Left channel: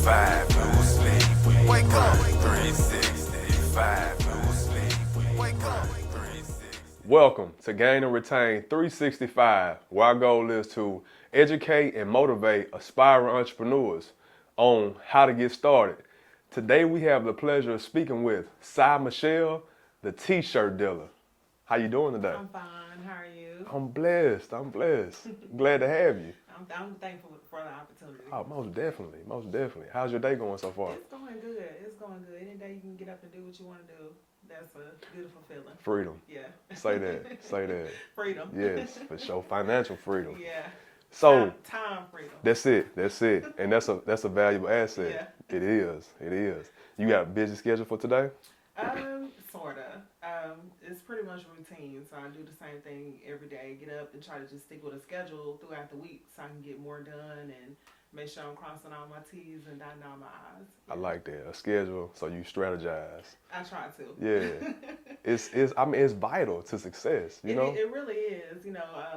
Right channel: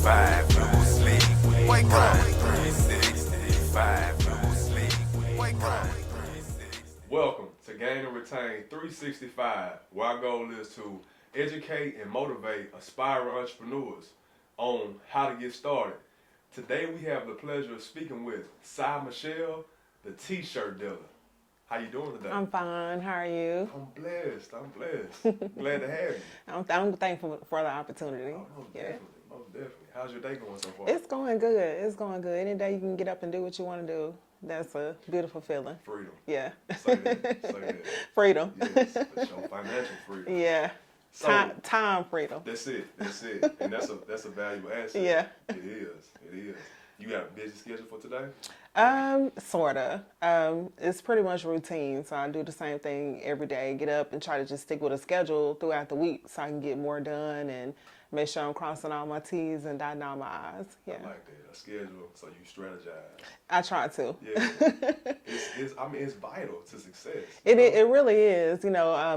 365, no sleep. Wake up. 365, no sleep. Wake up. Welcome to Gain and Retain 365, where our goal is to educate and motivate aspiring entrepreneurs on how to get started. Today we have the pleasure of speaking with Cy Michelle, the T-shirt dealer. How you doing today? I'm fine. How are you? I'm blessed. Glad to have you. I'm thankful for the opportunity. Oh, most definitely. How's your day going so far? It's going good. Any day you can get up and do what you want to do, that's a beautiful feeling. Freedom. Yeah. Say that. Freedom. Yes, for sure. Financial freedom. Yeah. So time freedom. That's it. And that's a valuable asset. Yeah. It is. You got a busy schedule for today? Sorta. It's pretty much routine. So I do the same thing every day. Get up and try to just stick with a schedule throughout the week so I can get more done and make sure I'm crossing all my T's and dotting all my I's. Yeah. I like that. A schedule so you strategize. I try to. Yeah. It's vital to success. It really is.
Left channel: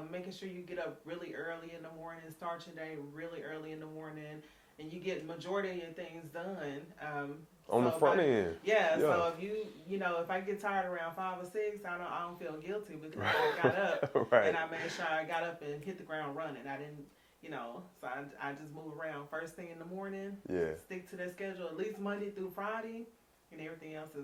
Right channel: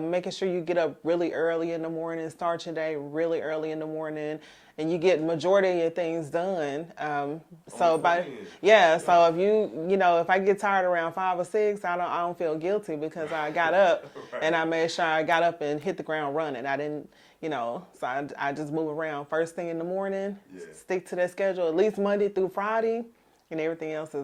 Making sure you get up really early in the morning, start your day really early in the morning, and you get majority of your things done. So if I get tired around 5 or 6, I don't feel guilty because I got up Right. and I made sure I got up and hit the ground running. I didn't, so I just move around first thing in the morning. Yeah. Stick to that schedule at least Monday through Friday, and everything else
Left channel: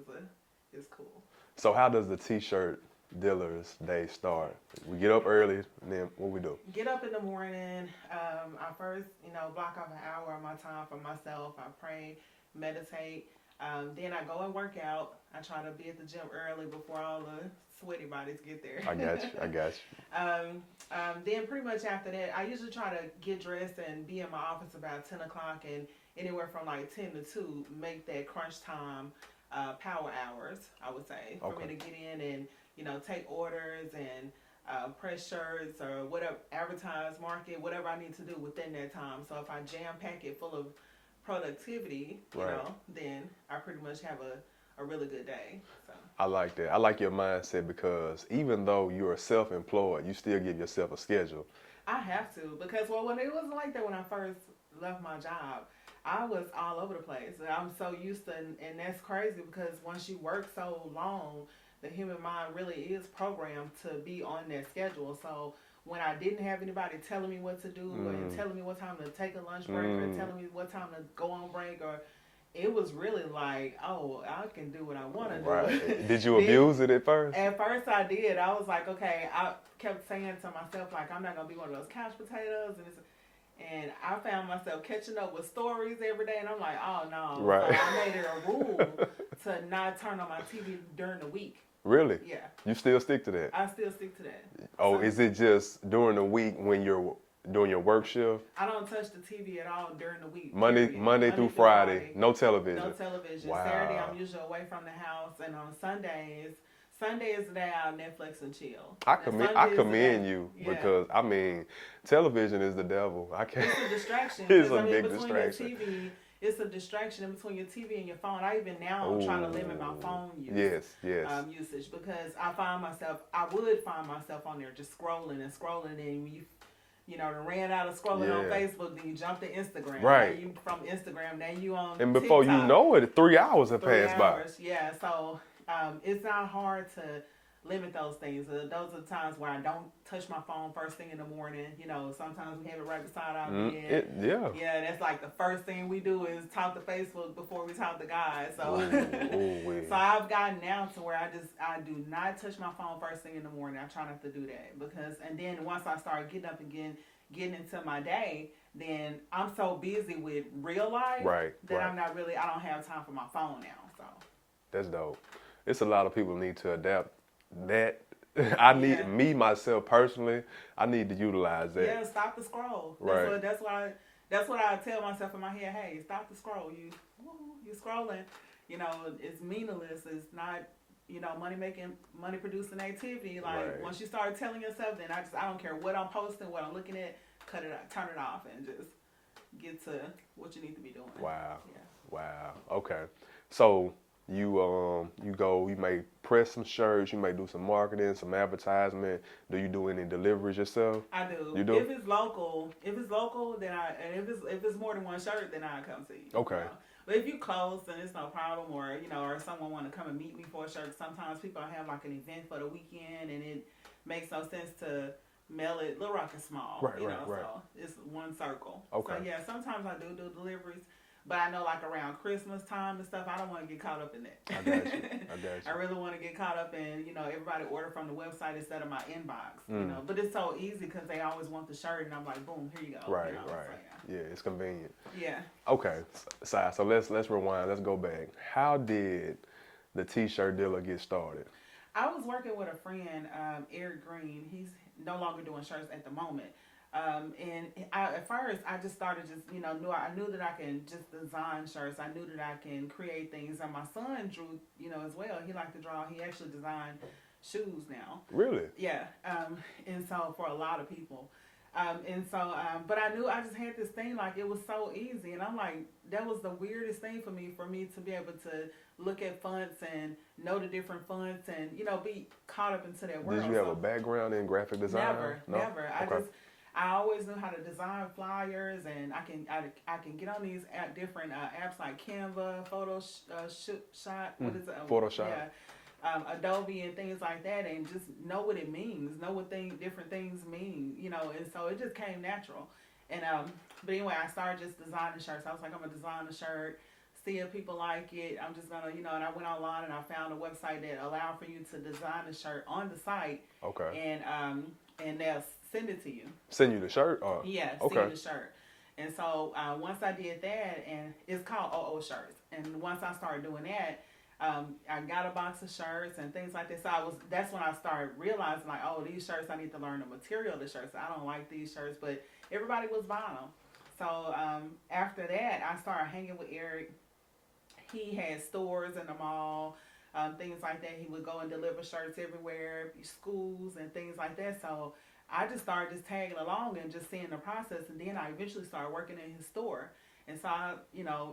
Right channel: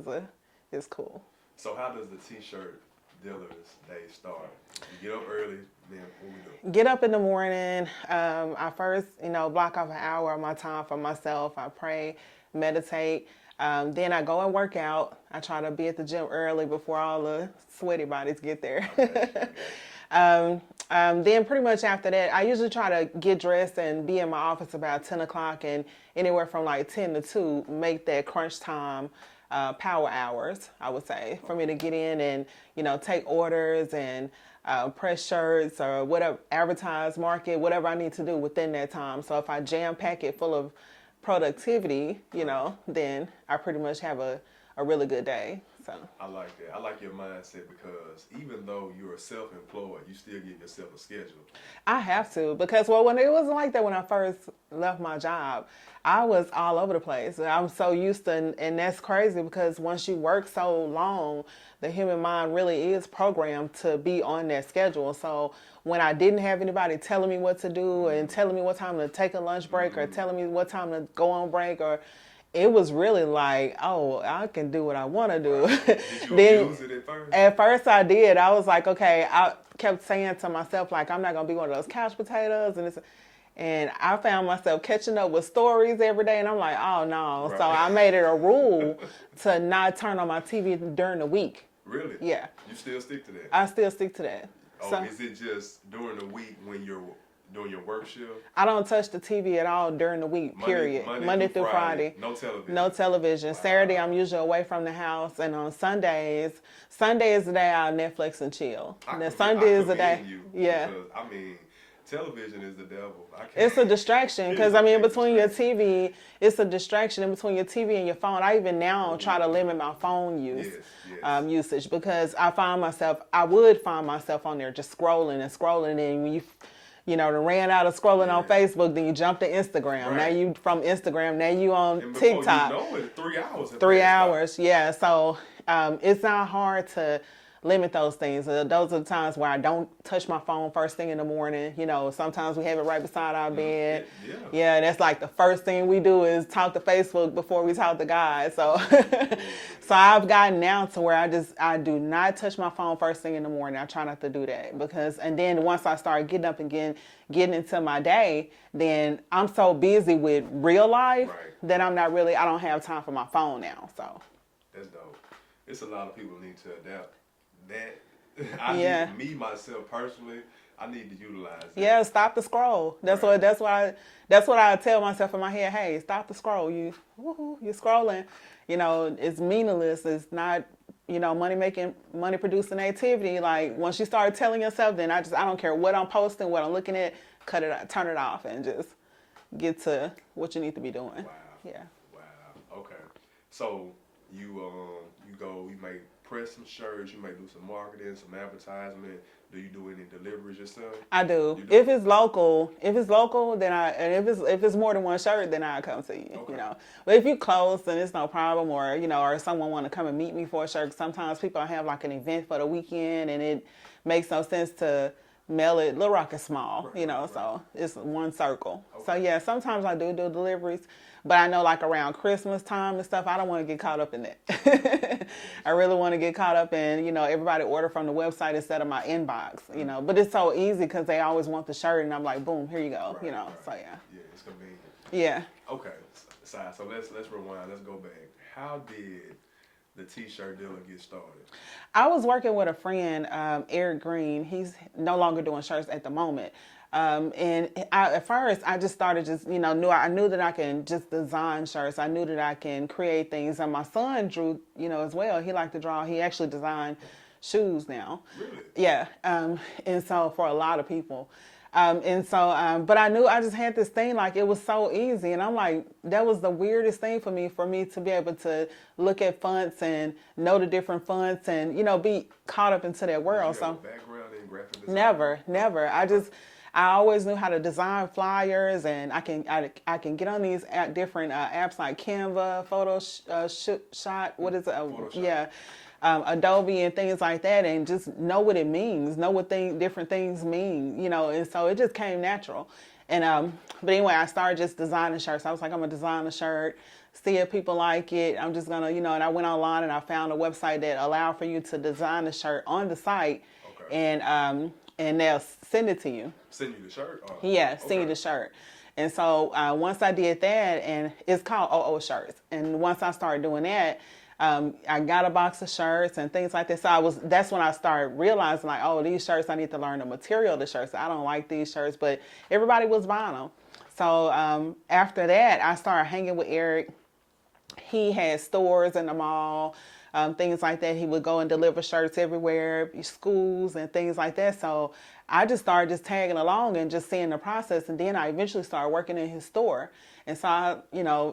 is cool. So how does the T-shirt dealer's day start? We get up early, and then what we do? Get up in the morning. I first, block off an hour of my time for myself. I pray, meditate. Then I go and work out. I try to be at the gym early before all the sweaty bodies get there. I got you. Then pretty much after that, I usually try to get dressed and be in my office about 10 o'clock, and anywhere from like 10 to 2, make that crunch time power hours, I would say, for me to get in and, take orders and press shirts or whatever, advertise, market, whatever I need to do within that time. So if I jam pack it full of productivity, then I pretty much have a really good day. So I like that. I like your mindset because even though you're self-employed, you still give yourself a schedule. I have to because, when it wasn't like that when I first left my job. I was all over the place. I'm so used to, and that's crazy because once you work so long, the human mind really is programmed to be on that schedule. So when I didn't have anybody telling me what to do and telling me what time to take a lunch break or telling me what time to go on break, it was really like, oh, I can do what I want to do. Right. Did you abuse it at first? At first I did. I was like, okay, I kept saying to myself, like, I'm not going to be one of those couch potatoes. And I found myself catching up with stories every day, and I'm like, oh, no. Right. So I made it a rule to not turn on my TV during the week. Really? Yeah. You still stick to that? I still stick to that. Oh, is it just during the week when you're doing your work shift? I don't touch the TV at all during the week, period. Monday through Friday. No television? No television. Wow. Saturday, I'm usually away from the house, and on Sunday is the day I'll Netflix and chill. I commend you because, television is the devil. It's a distraction because in between your TV, it's a distraction in between your TV and your phone. I even now try to limit my phone use, usage because I would find myself on there just scrolling, and when you ran out of scrolling on Facebook, then you jumped to Instagram. Right. Now you from Instagram, now you on and before TikTok. You know it, 3 hours have passed by. 3 hours, yeah. So it's not hard to limit those things. Those are the times where I don't touch my phone first thing in the morning. Sometimes we have it right beside our bed. Yeah, and that's like the first thing we do is talk to Facebook before we talk to God. So, so I've gotten now to where I do not touch my phone first thing in the morning. I try not to do that and then once I start getting up and getting into my day, then I'm so busy with real life that I don't have time for my phone now. So that's dope. It's a lot of people need to adapt that. Me myself personally, I need to utilize that. Yeah, stop the scroll. That's what I tell myself in my head. Hey, stop the scroll. You're scrolling. It's meaningless. It's not money producing activity. Like once you start telling yourself, then I don't care what I'm posting, what I'm looking at, cut it out, turn it off, and just get to what you need to be doing. Wow. Yeah. Wow. Okay. So you may press some shirts, you may do some marketing, some advertisement. Do you do any deliveries yourself? I do. You do? If it's local, then if it's more than one shirt, then I come see you. Okay. You know? But if you close, then it's no problem, or or someone want to come and meet me for a shirt. Sometimes people have like an event for the weekend, and it makes no sense to mail it. Little Rock is small, right. so it's one circle. Okay. So yeah, sometimes I do deliveries. But I know, like, around Christmas time and stuff, I don't want to get caught up in that. I really want to get caught up in, everybody order from the website instead of my inbox, But it's so easy because they always want the shirt, and I'm like, boom, here you go, Right. So, yeah. Yeah, it's convenient. Yeah. Okay, so let's rewind. Let's go back. How did the T-shirt dealer get started? I was working with a friend, Eric Green. He's no longer doing shirts at the moment. At first, I just started I knew that I can just design shirts. I knew that I can create things. And my son drew, as well. He liked to draw. He actually designed shoes now. Really? Yeah. And so for a lot of people. But I knew I just had this thing, like it was so easy. And I'm like, that was the weirdest thing for me to be able to look at fonts and know the different fonts and, be caught up into that world. Did you have a background in graphic design? Never. Okay. I always knew how to design flyers, and I can get on these different apps like Canva, Photoshop, what is it? Photoshop. Yeah, Adobe and things like that, and just know what it means, know what different things mean, And so it just came natural. And but anyway, I started just designing shirts. I was like, I'm gonna design a shirt, see if people like it. I'm just gonna, and I went online and I found a website that allowed for you to design the shirt on the site. Okay. And they'll send it to you. Send you the shirt? Yeah, send you the shirt. And so once I did that, and it's called OO Shirts. And once I started doing that, I got a box of shirts and things like that. So that's when I started realizing, like, oh, these shirts, I need to learn the material of the shirts. I don't like these shirts, but everybody was buying them. So after that, I started hanging with Eric. He had stores in the mall. Things like that. He would go and deliver shirts everywhere, schools and things like that. So I just started just tagging along and just seeing the process. And then I eventually started working in his store. And so,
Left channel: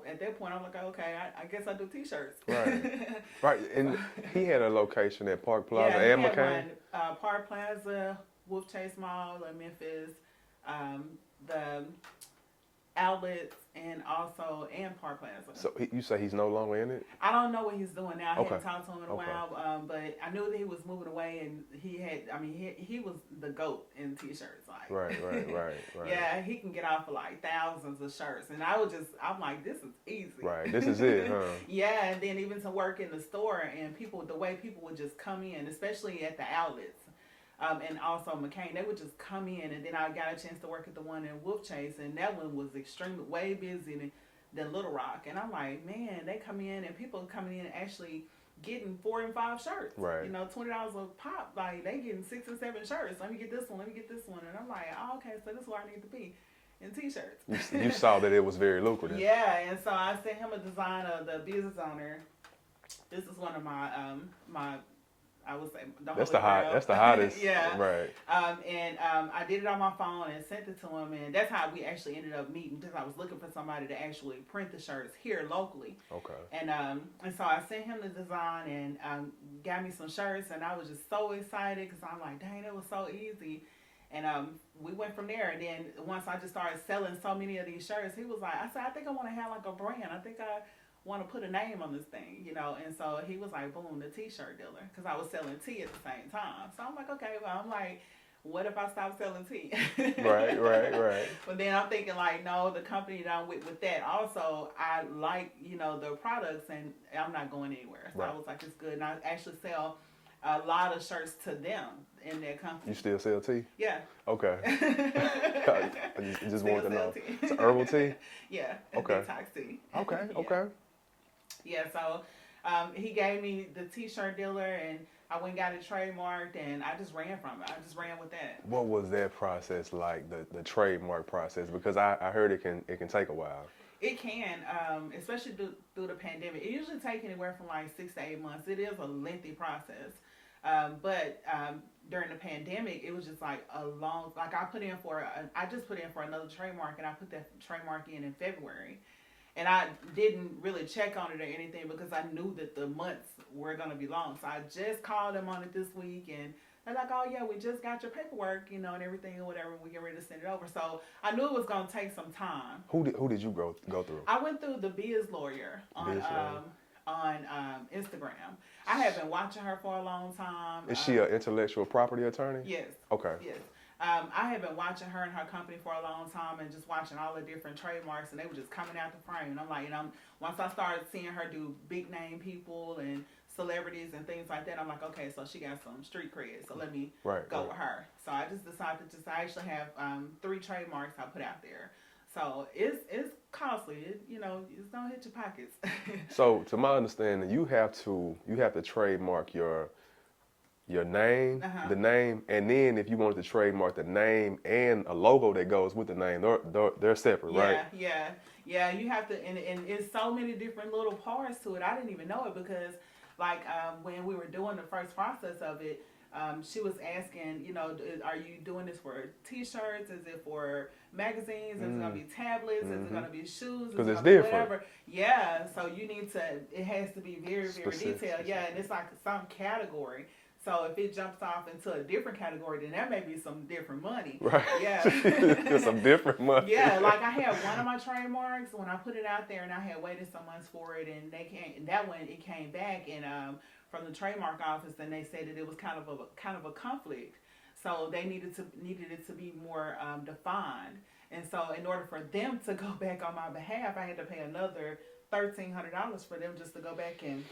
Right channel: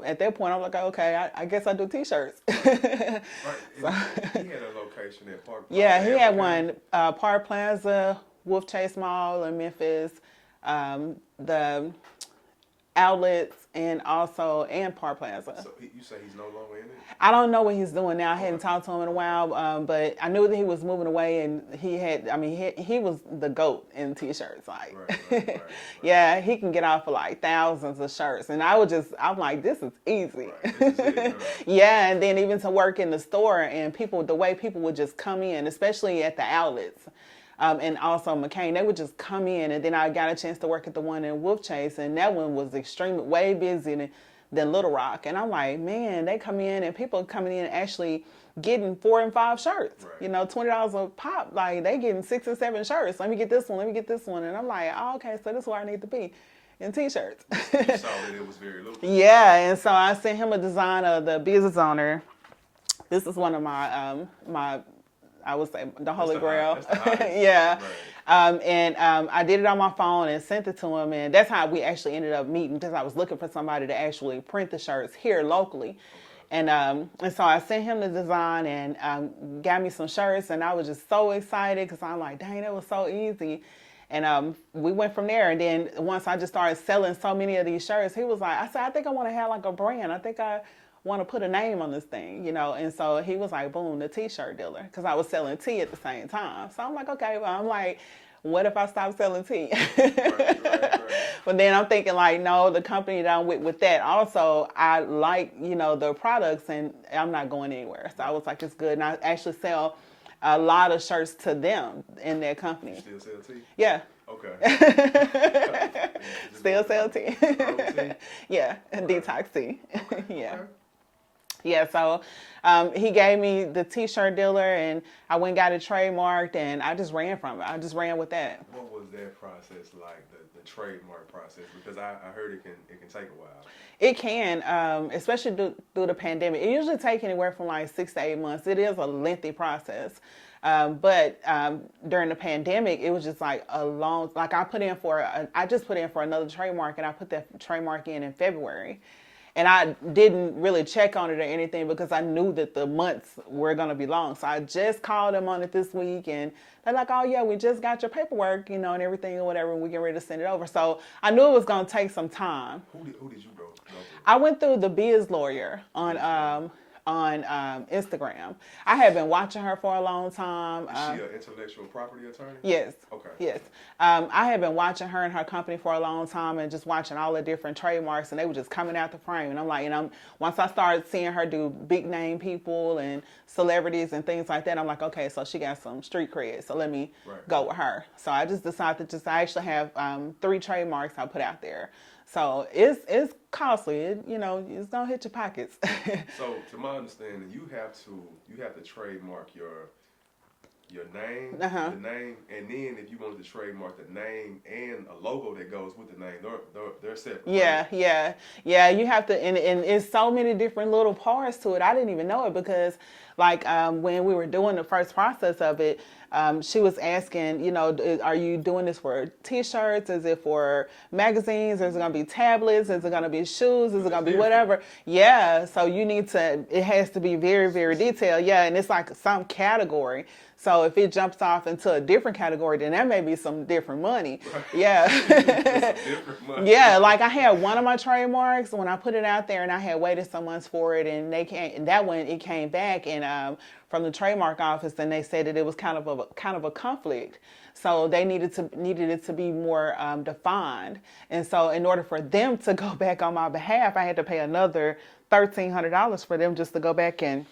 at that point, I'm like, okay, I guess I do T-shirts. Right. And he had a location at Park Plaza. Yeah, he had one, Park Plaza, Wolf Chase Mall in Memphis, the outlets, and Park Plaza. So you say he's no longer in it? I don't know what he's doing now. I hadn't talked to him in a while, but I knew that he was moving away, and he was the GOAT in T-shirts. Like, right. Yeah, he can get off for like thousands of shirts, and I'm like, this is easy. Right, this is it, huh? Yeah, and then even to work in the store, and the way people would just come in, especially at the outlets. And also McCain, they would just come in, and then I got a chance to work at the one in Wolf Chase, and that one was extremely way busier than Little Rock. And I'm like, man, they come in, and people coming in actually getting 4 and 5 shirts. Right. $20 a pop. Like, they getting 6 and 7 shirts. Let me get this one. And I'm like, oh, okay, so this is where I need to be in T-shirts. You saw that it was very lucrative. Yeah, and so I sent him a design of the business owner. This is one of my I would say the Holy Grail. That's the hottest. Yeah. Right. I did it on my phone and sent it to him, and that's how we actually ended up meeting, because I was looking for somebody to actually print the shirts here locally. Okay. And so I sent him the design and got me some shirts, and I was just so excited because I'm like, dang, that was so easy. And we went from there. And then once I just started selling so many of these shirts, he was like, I said, I think I want to have like a brand. I think I want to put a name on this thing, And so he was like, boom, the T-shirt dealer, because I was selling tea at the same time. So I'm like, okay, well, I'm like, what if I stop selling tea? Right. But then I'm thinking, like, no, the company that I'm with that also, I like, the products, and I'm not going anywhere. So I was like, it's good. And I actually sell a lot of shirts to them in their company. You still sell tea? Yeah. Okay. Still sell tea. Herbal tea? Yeah, Okay. detox tea. Okay. Yeah, so he gave me the T-shirt dealer, and I went and got it trademarked, and I just ran from it. I just ran with that. What was that process like, the trademark process? Because I heard it can take a while. It can, especially through the pandemic. It usually takes anywhere from like 6 to 8 months. It is a lengthy process. But during the pandemic, it was just like a long, like I just put in for another trademark, and I put that trademark in February. And I didn't really check on it or anything because I knew that the months were going to be long. So I just called them on it this week, and they're like, oh, yeah, we just got your paperwork, and everything or whatever, and we get ready to send it over. So I knew it was going to take some time. Who did you go through? I went through the Biz Lawyer on Instagram. I had been watching her for a long time. Is she an intellectual property attorney? Yes. Okay. Yes. I had been watching her and her company for a long time and just watching all the different trademarks, and they were just coming out the frame. And I'm like, once I started seeing her do big name people and celebrities and things like that, I'm like, okay, so she got some street cred, so let me go with her. So I just decided I actually have 3 trademarks I put out there. So it's costly. It's gonna hit your pockets. So to my understanding, you have to trademark your name, the name, and then if you wanted to trademark the name and a logo that goes with the name, they're separate, right? Yeah. You have to, and it's so many different little parts to it. I didn't even know it because, when we were doing the first process of it, she was asking, are you doing this for T-shirts? Is it for magazines? Is it going to be tablets? Is it going to be shoes? Is it going to be whatever? Yeah. So it has to be very, very detailed. Yeah. And it's like some category. So if it jumps off into a different category, then that may be some different money. Right. Yeah. Some different money. Yeah, like I had one of my trademarks when I put it out there, and I had waited some months for it, and it came back and from the trademark office, and they said that it was kind of a conflict. So they needed it to be more defined. And so in order for them to go back on my behalf, I had to pay another $1,300 for them just to go back and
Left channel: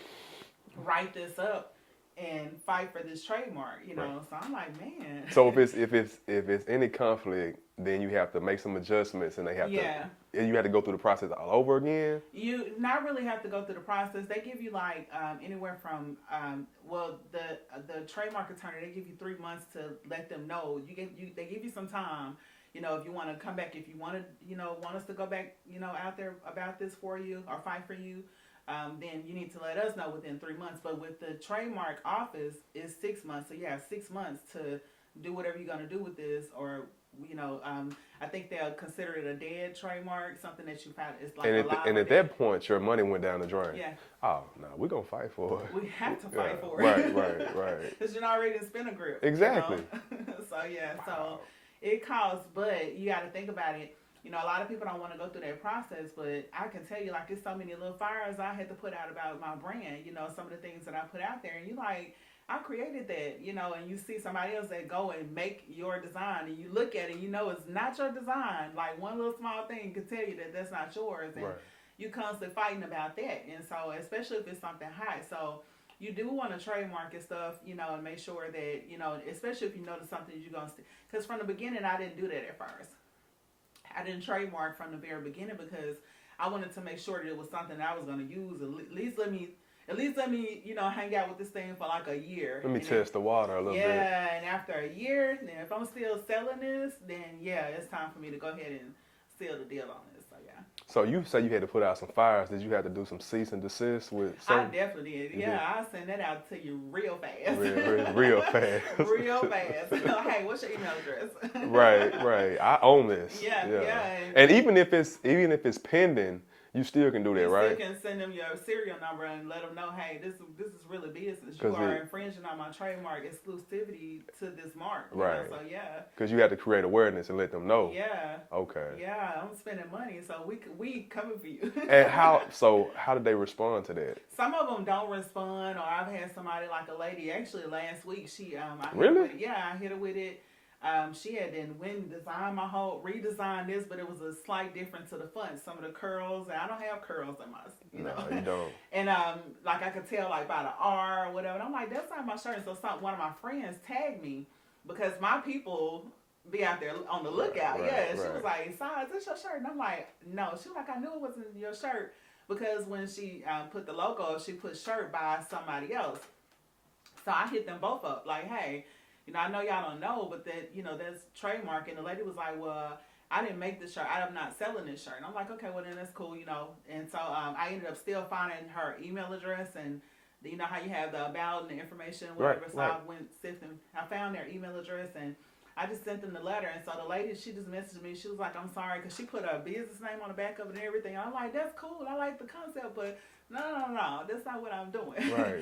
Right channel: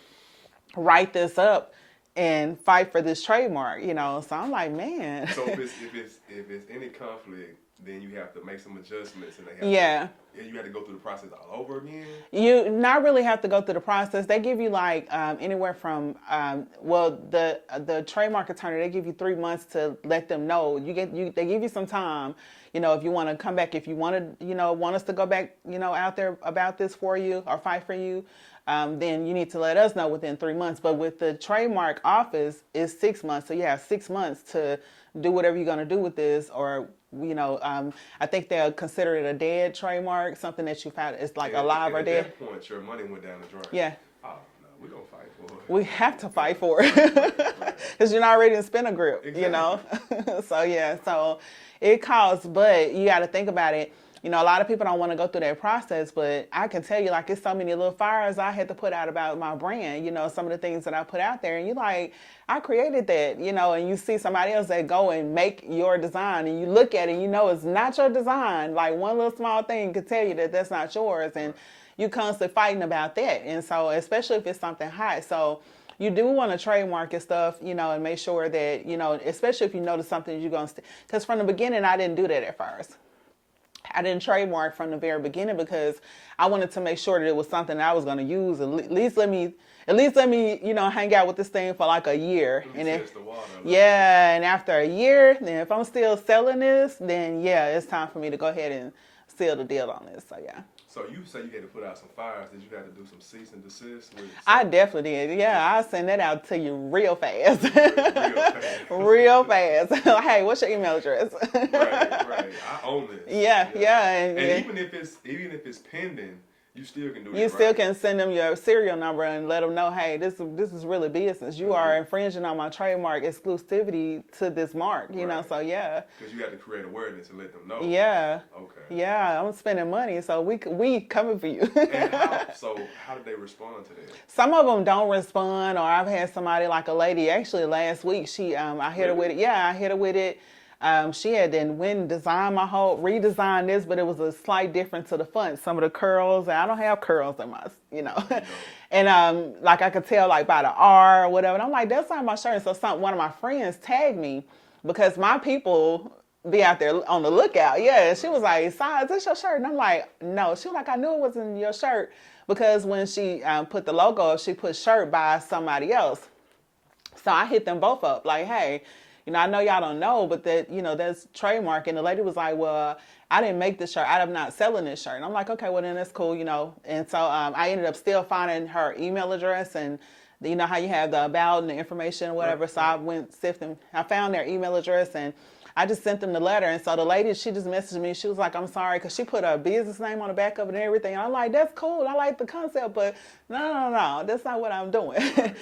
write this up and fight for this trademark, So I'm like, man. So if it's any conflict, then you have to make some adjustments, and you have to go through the process all over again. You not really have to go through the process. They give you anywhere from the trademark attorney, they give you 3 months to let them know. They give you some time. If you want to come back, if you want to, want us to go back, out there about this for you or fight for you. Then you need to let us know within 3 months. But with the trademark office, it's 6 months. So you have 6 months to do whatever you're going to do with this. Or, I think they'll consider it a dead trademark, something that you've had. It's like alive or dead. And at that point, your money went down the drain. Yeah. Oh, no, we're going to fight for it. We have to fight for it. Right. Because you're not ready to spin a grip. Exactly. So it costs, but you got to think about it. A lot of people don't want to go through that process, but I can tell you, it's so many little fires I had to put out about my brand, some of the things that I put out there. And you're like, I created that, and you see somebody else that go and make your design, and you look at it, and it's not your design. Like one little small thing could tell you that that's not yours. And you're constantly fighting about that. And so, especially if it's something hot. So you do want to trademark your stuff, and make sure that, especially if you notice something you're going to, because from the beginning, I didn't do that at first. I didn't trademark from the very beginning because I wanted to make sure that it was something that I was going to use. At least let me, hang out with this thing for like a year. Let me test the water a little bit. Yeah, and after a year, then if I'm still selling this, then it's time for me to go ahead and seal the deal on this. So yeah. So you say you had to put out some fires. Did you have to do some cease and desist with? I definitely did. Yeah, I'll send that out to you real fast. Real fast. Real fast. Hey, what's your email address? Right. I own this. Yeah. And even if it's pending, you still can do that, right? You still can send them your serial number and let them know, hey, this is really business. You are infringing on my trademark exclusivity to this mark, you know, so yeah. Because you have to create awareness and let them know. Yeah. Okay. Yeah, I'm spending money, so we coming for you. And how did they respond to that? Some of them don't respond, or I've had somebody like a lady, actually last week, I hit her with it. Yeah, I hit her with it. She had then redesigned this, but it was a slight difference to the font. Some of the curls, I don't have curls in my, No, you don't. And I could tell by the R or whatever. And I'm like, that's not my shirt. And so one of my friends tagged me because my people be out there on the lookout. She was like, "Si, is this your shirt?" And I'm like, "No." She was like, "I knew it wasn't your shirt because when she put the logo up, she put shirt by somebody else." So I hit them both up like, "Hey, I know y'all don't know, but that's trademark." And the lady was like, "Well, I didn't make this shirt. I'm not selling this shirt." And I'm like, "Okay, well then that's cool, And so I ended up still finding her email address, and how you have the about and the information or whatever. I went sifting. I found their email address, and I just sent them the letter. And so the lady, she just messaged me. She was like, I'm sorry, because she put a business name on the back of it and everything. I'm like, that's cool. I like the concept, but no, that's not what I'm doing. Right.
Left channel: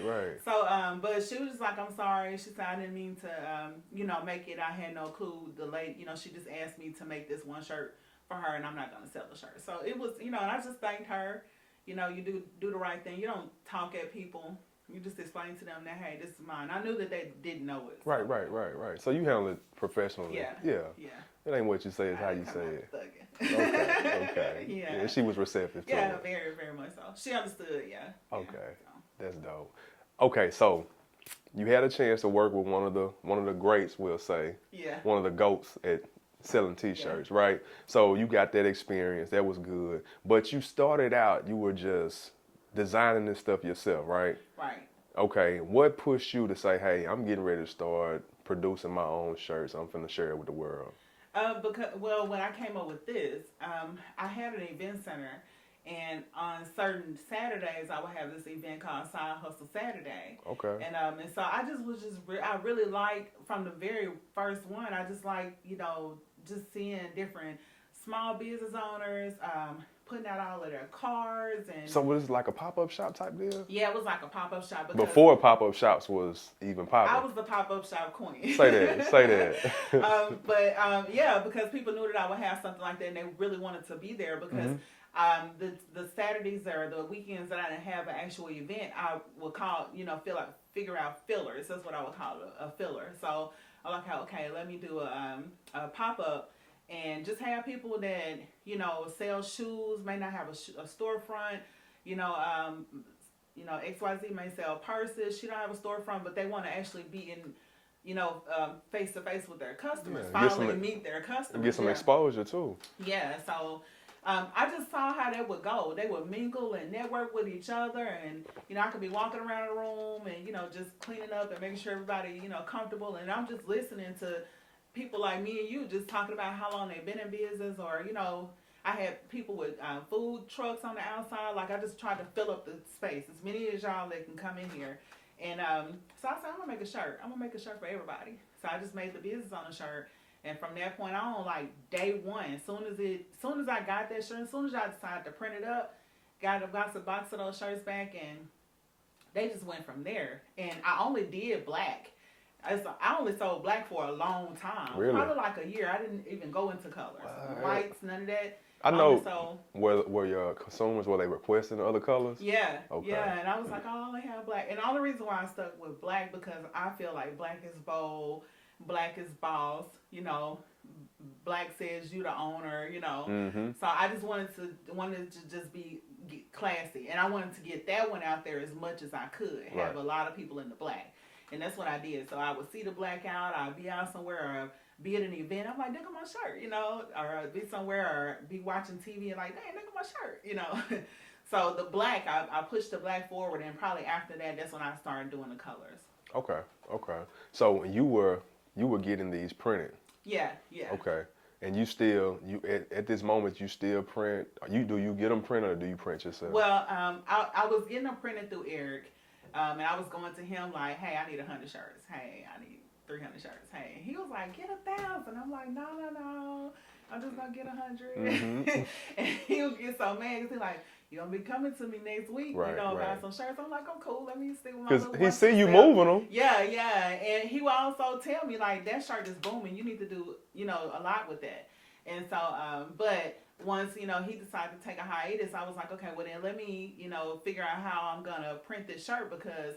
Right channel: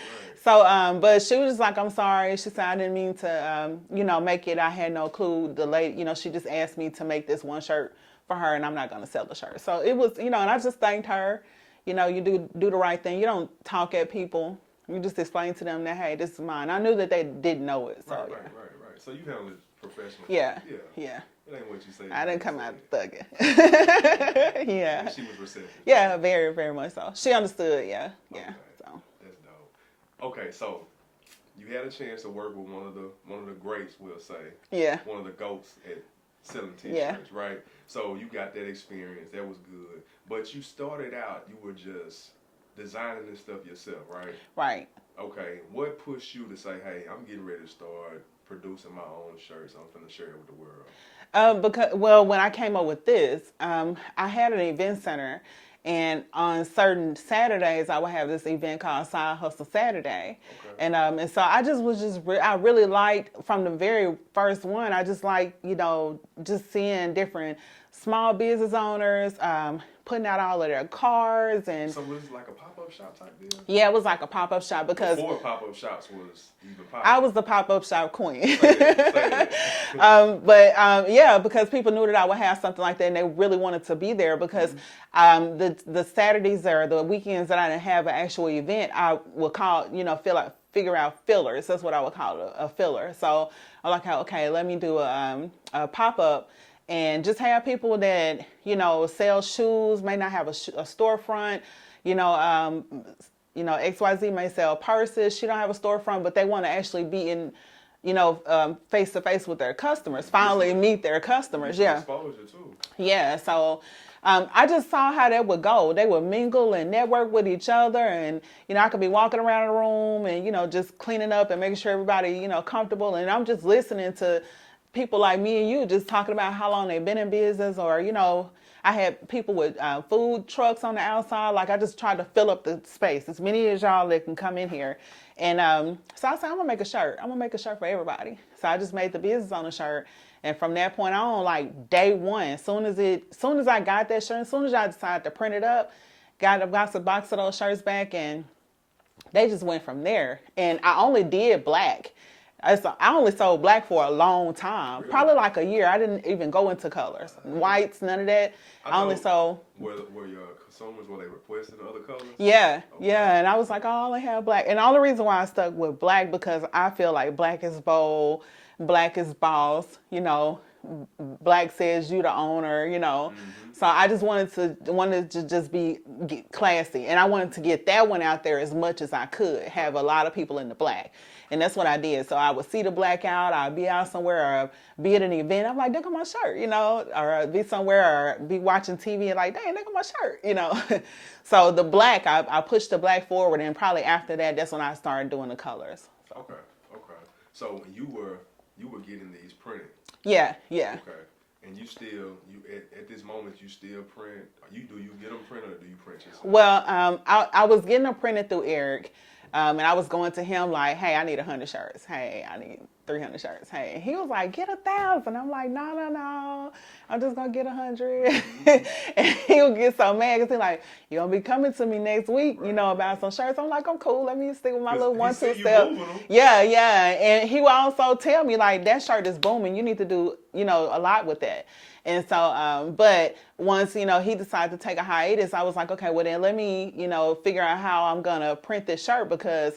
So, but she was just like, I'm sorry. She said, I didn't mean to, make it. I had no clue. The lady, she just asked me to make this one shirt for her, and I'm not going to sell the shirt. So it was, and I just thanked her. You do the right thing. You don't talk at people. You just explain to them that, hey, this is mine. I knew that they didn't know it. So, right. So you handle it professionally. Yeah. It ain't what you say. I didn't come out thugging. Okay. Yeah. She was receptive. Yeah, very, very much so. She understood. Yeah. Okay. So. That's dope. Okay, so you had a chance to work with one of the greats, we'll say. Yeah. One of the GOATs at selling T-shirts, right? So you got that experience. That was good. But you started out, you were just designing this stuff yourself, right? Right. Okay. What pushed you to say, hey, I'm getting ready to start producing my own shirts. I'm finna share it with the world. Because when I came up with this, I had an event center, and on certain Saturdays I would have this event called Side Hustle Saturday. Okay. And so I I really liked from the very first one. I just like just seeing different small business owners putting out all of their cars. And so was it like a pop-up shop type deal? Yeah, it was like a pop-up shop because before pop-up shops was even popular. I was the pop-up shop queen. Say that. Yeah, because people knew that I would have something like that, and they really wanted to be there because the Saturdays or the weekends that I didn't have an actual event, I would call, figure out fillers. That's what I would call a filler. So I'm like, okay, let me do a pop-up and just have people that, sell shoes, may not have a storefront, XYZ may sell purses. She don't have a storefront, but they want to actually be in, face to face with their customers, finally meet their customers. Get some exposure too. Yeah. So I just saw how that would go. They would mingle and network with each other, and I could be walking around the room and just cleaning up and making sure everybody comfortable, and I'm just listening to people like me and you just talking about how long they've been in business, or I had people with food trucks on the outside. Like, I just tried to fill up the space, as many as y'all that can come in here. And so I said, I'm gonna make a shirt. I'm gonna make a shirt for everybody. So I just made the business on a shirt. And from that point on, like day one, as soon as I got that shirt, as soon as I decided to print it up, got a box of those shirts back, and they just went from there. And I only did black. I only sold black for a long time, really? Probably like a year. I didn't even go into colors, whites, none of that. I know. Only sold. Were your consumers, were they requesting other colors? Yeah, okay. Yeah, and I was like, I only have black. And all the reason why I stuck with black, because I feel like black is bold, black is boss, black says you the owner, So I just wanted to just get classy, and I wanted to get that one out there as much as I could, have a lot of people in the black. And that's what I did. So I would see the black out, I'd be out somewhere, or be at an event, I'm like, look at my shirt, or I'd be somewhere, or be watching TV and like, dang, look at my shirt, So the black, I pushed the black forward, and probably after that, that's when I started doing the colors. Okay. So you were getting these printed? Yeah. Okay. And you at this moment, you still print? Do you get them printed, or do you print yourself? Well, I was getting them printed through Eric. And I was going to him like, hey, I need 100 shirts. Hey, I need 300 shirts. Hey, and he was like, get 1,000. I'm like, no. I'm just going to get 100. And he would get so mad because he's like, you're going to be coming to me next week, about some shirts. I'm like, I'm cool. Let me stick with my little one. He see you moving them. Yeah. And he would also tell me, like, that shirt is booming. You need to do, a lot with that. And so, but once, he decided to take a hiatus, I was like, okay, well then let me, figure out how I'm going to print this shirt, because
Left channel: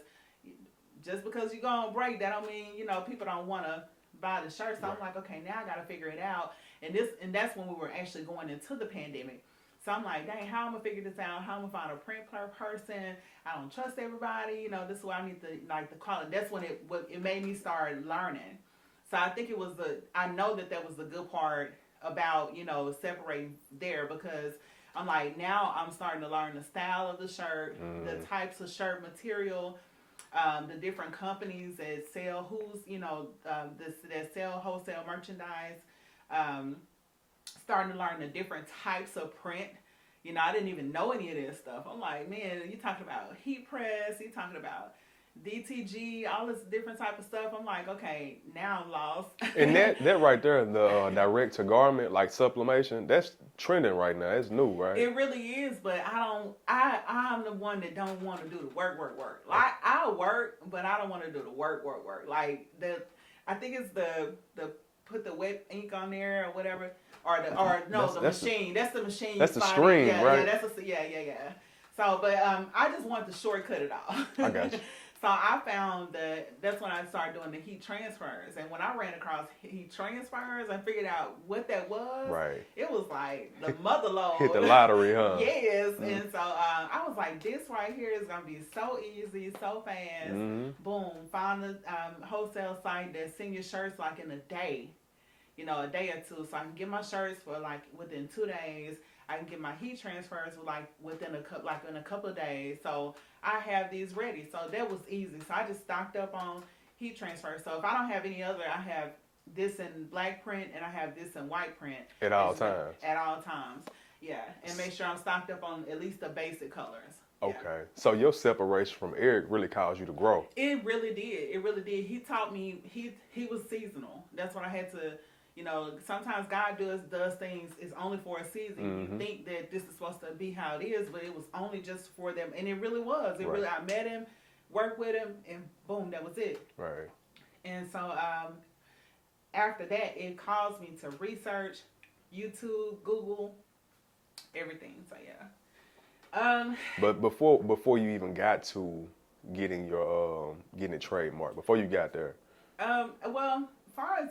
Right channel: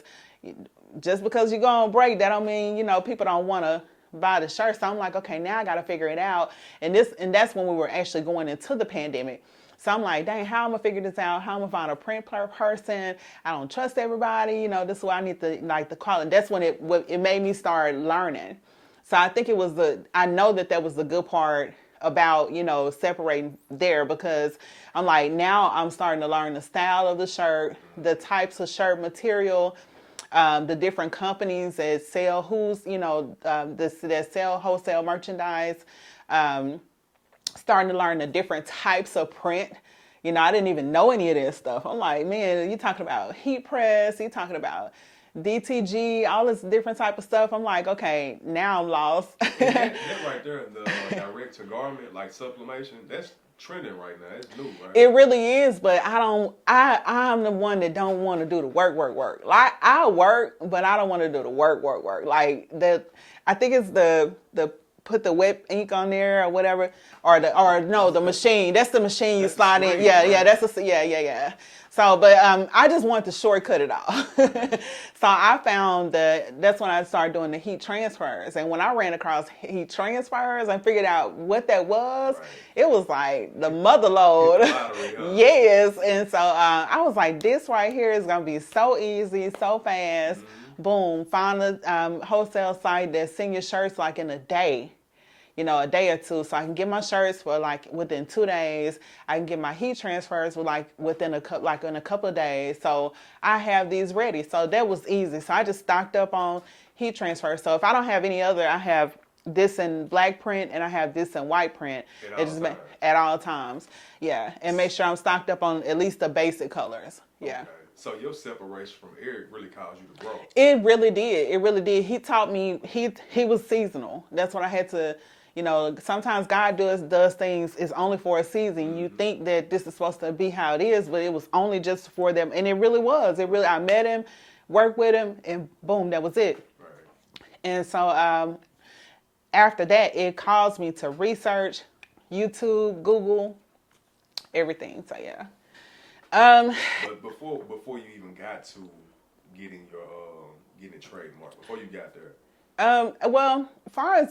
just because you go on break, that don't mean, people don't want to buy the shirt. So I'm like, okay, now I got to figure it out. And that's when we were actually going into the pandemic. So I'm like, dang, how am I going to figure this out? How am I going to find a print person? I don't trust everybody. This is why I need to, the quality. That's when it made me start learning. So I think I know that was the good part about, separating there, because I'm like, now I'm starting to learn the style of the shirt, the types of shirt material, the different companies that sell, that sell wholesale merchandise, starting to learn the different types of print. I didn't even know any of this stuff. I'm like, man, you talking about heat press, you talking about DTG, all this different type of stuff. I'm like, okay, now I'm lost. And that right there, the direct to garment, like sublimation, that's trending right now. It's new, right? It really is, but I'm the one that don't want to do the work. Like, I work, but I don't want to do the work. Like, I think it's the put the wet ink on there or whatever, the machine. That's the machine you slide in. Yeah, right? Yeah. So, but I just want to shortcut it all. Okay. So I found that's when I started doing the heat transfers. And when I ran across heat transfers and figured out what that was, right. It was like the mother lode. Hit the lottery, huh? Yes. Mm-hmm. And so I was like, this right here is going to be so easy, so fast. Mm-hmm. Boom. Found a wholesale site that send your shirts like in a day. A day or two, so I can get my shirts for like within 2 days. I can get my heat transfers within in a couple of days. So I have these ready. So that was easy. So I just stocked up on heat transfers. So if I don't have any other, I have this in black print and I have this in white print. At all times. Yeah, and make sure I'm stocked up on at least the basic colors. Yeah. Okay. So your separation from Eric really caused you to grow. It really did. He taught me. He was seasonal. That's what I had to. Sometimes God does things is only for a season. Mm-hmm. You think that this is supposed to be how it is, but it was only just for them, and it really was. I met him, worked with him, and boom, that was it. Right. And so after that, it caused me to research YouTube, Google, everything. So yeah. But before you even got to getting your getting it trademarked, before you got there. Well, as far as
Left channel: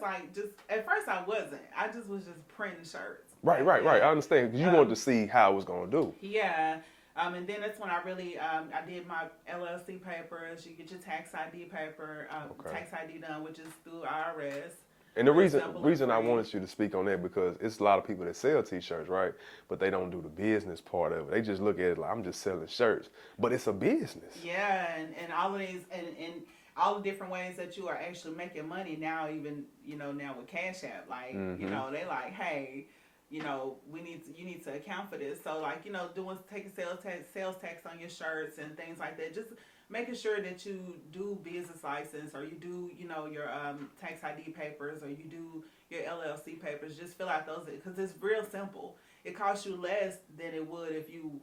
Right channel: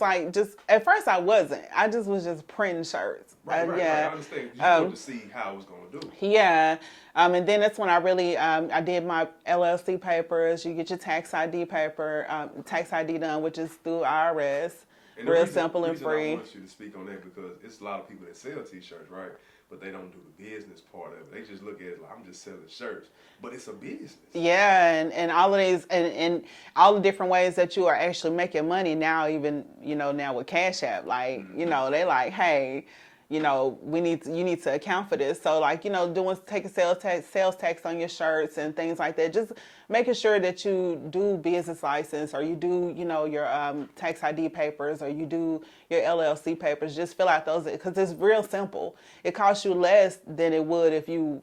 at first I wasn't. I was just printing shirts. Right. I understand. You wanted to see how it was going to do. Yeah. And then that's when I really, I did my LLC papers. You get your tax ID paper, tax ID done, which is through IRS. And the reason I wanted you to speak on that because it's a lot of people that sell T-shirts, right? But they don't do the business part of it. They just look at it like, I'm just selling shirts. But it's a business. Yeah, and all of these, and all the different ways that you are actually making money now, even, now with Cash App. Like, mm-hmm. They like, hey, you need to account for this. So taking sales tax on your shirts and things like that. Just making sure that you do business license or you do, your tax ID papers or you do your LLC papers. Just fill out those because it's real simple. It costs you less than it would if you,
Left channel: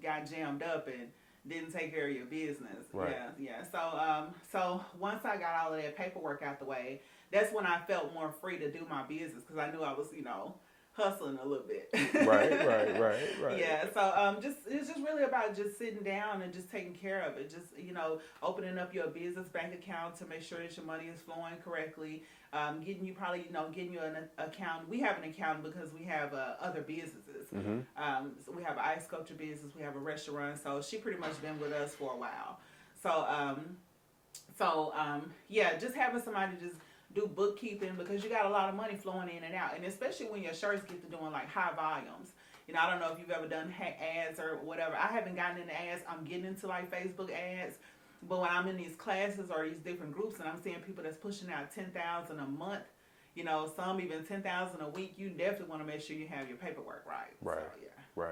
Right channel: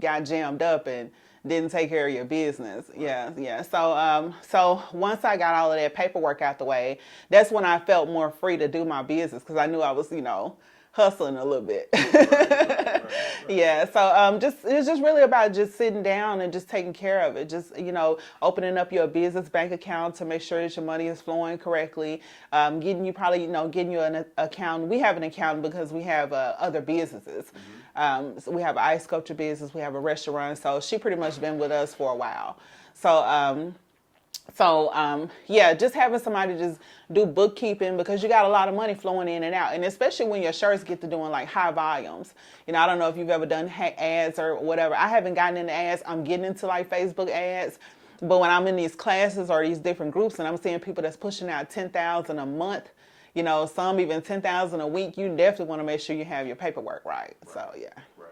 got jammed up and didn't take care of your business. Right. Yeah. So once I got all of that paperwork out the way, that's when I felt more free to do my business because I knew I was, hustling a little bit. Right. Yeah, so it's just really about just sitting down and just taking care of it. Just, opening up your business bank account to make sure that your money is flowing correctly. Getting you an account. We have an account because we have other businesses. Mm-hmm. So we have an ice sculpture business. We have a restaurant. So she pretty much been with us for a while. Just having somebody just do bookkeeping because you got a lot of money flowing in and out. And especially when your shirts get to doing like high volumes. I don't know if you've ever done ads or whatever. I haven't gotten into ads. I'm getting into like Facebook ads. But when I'm in these classes or these different groups and I'm seeing people that's pushing out $10,000 a month, some even $10,000 a week, you definitely want to make sure you have your paperwork right. So, yeah. Right.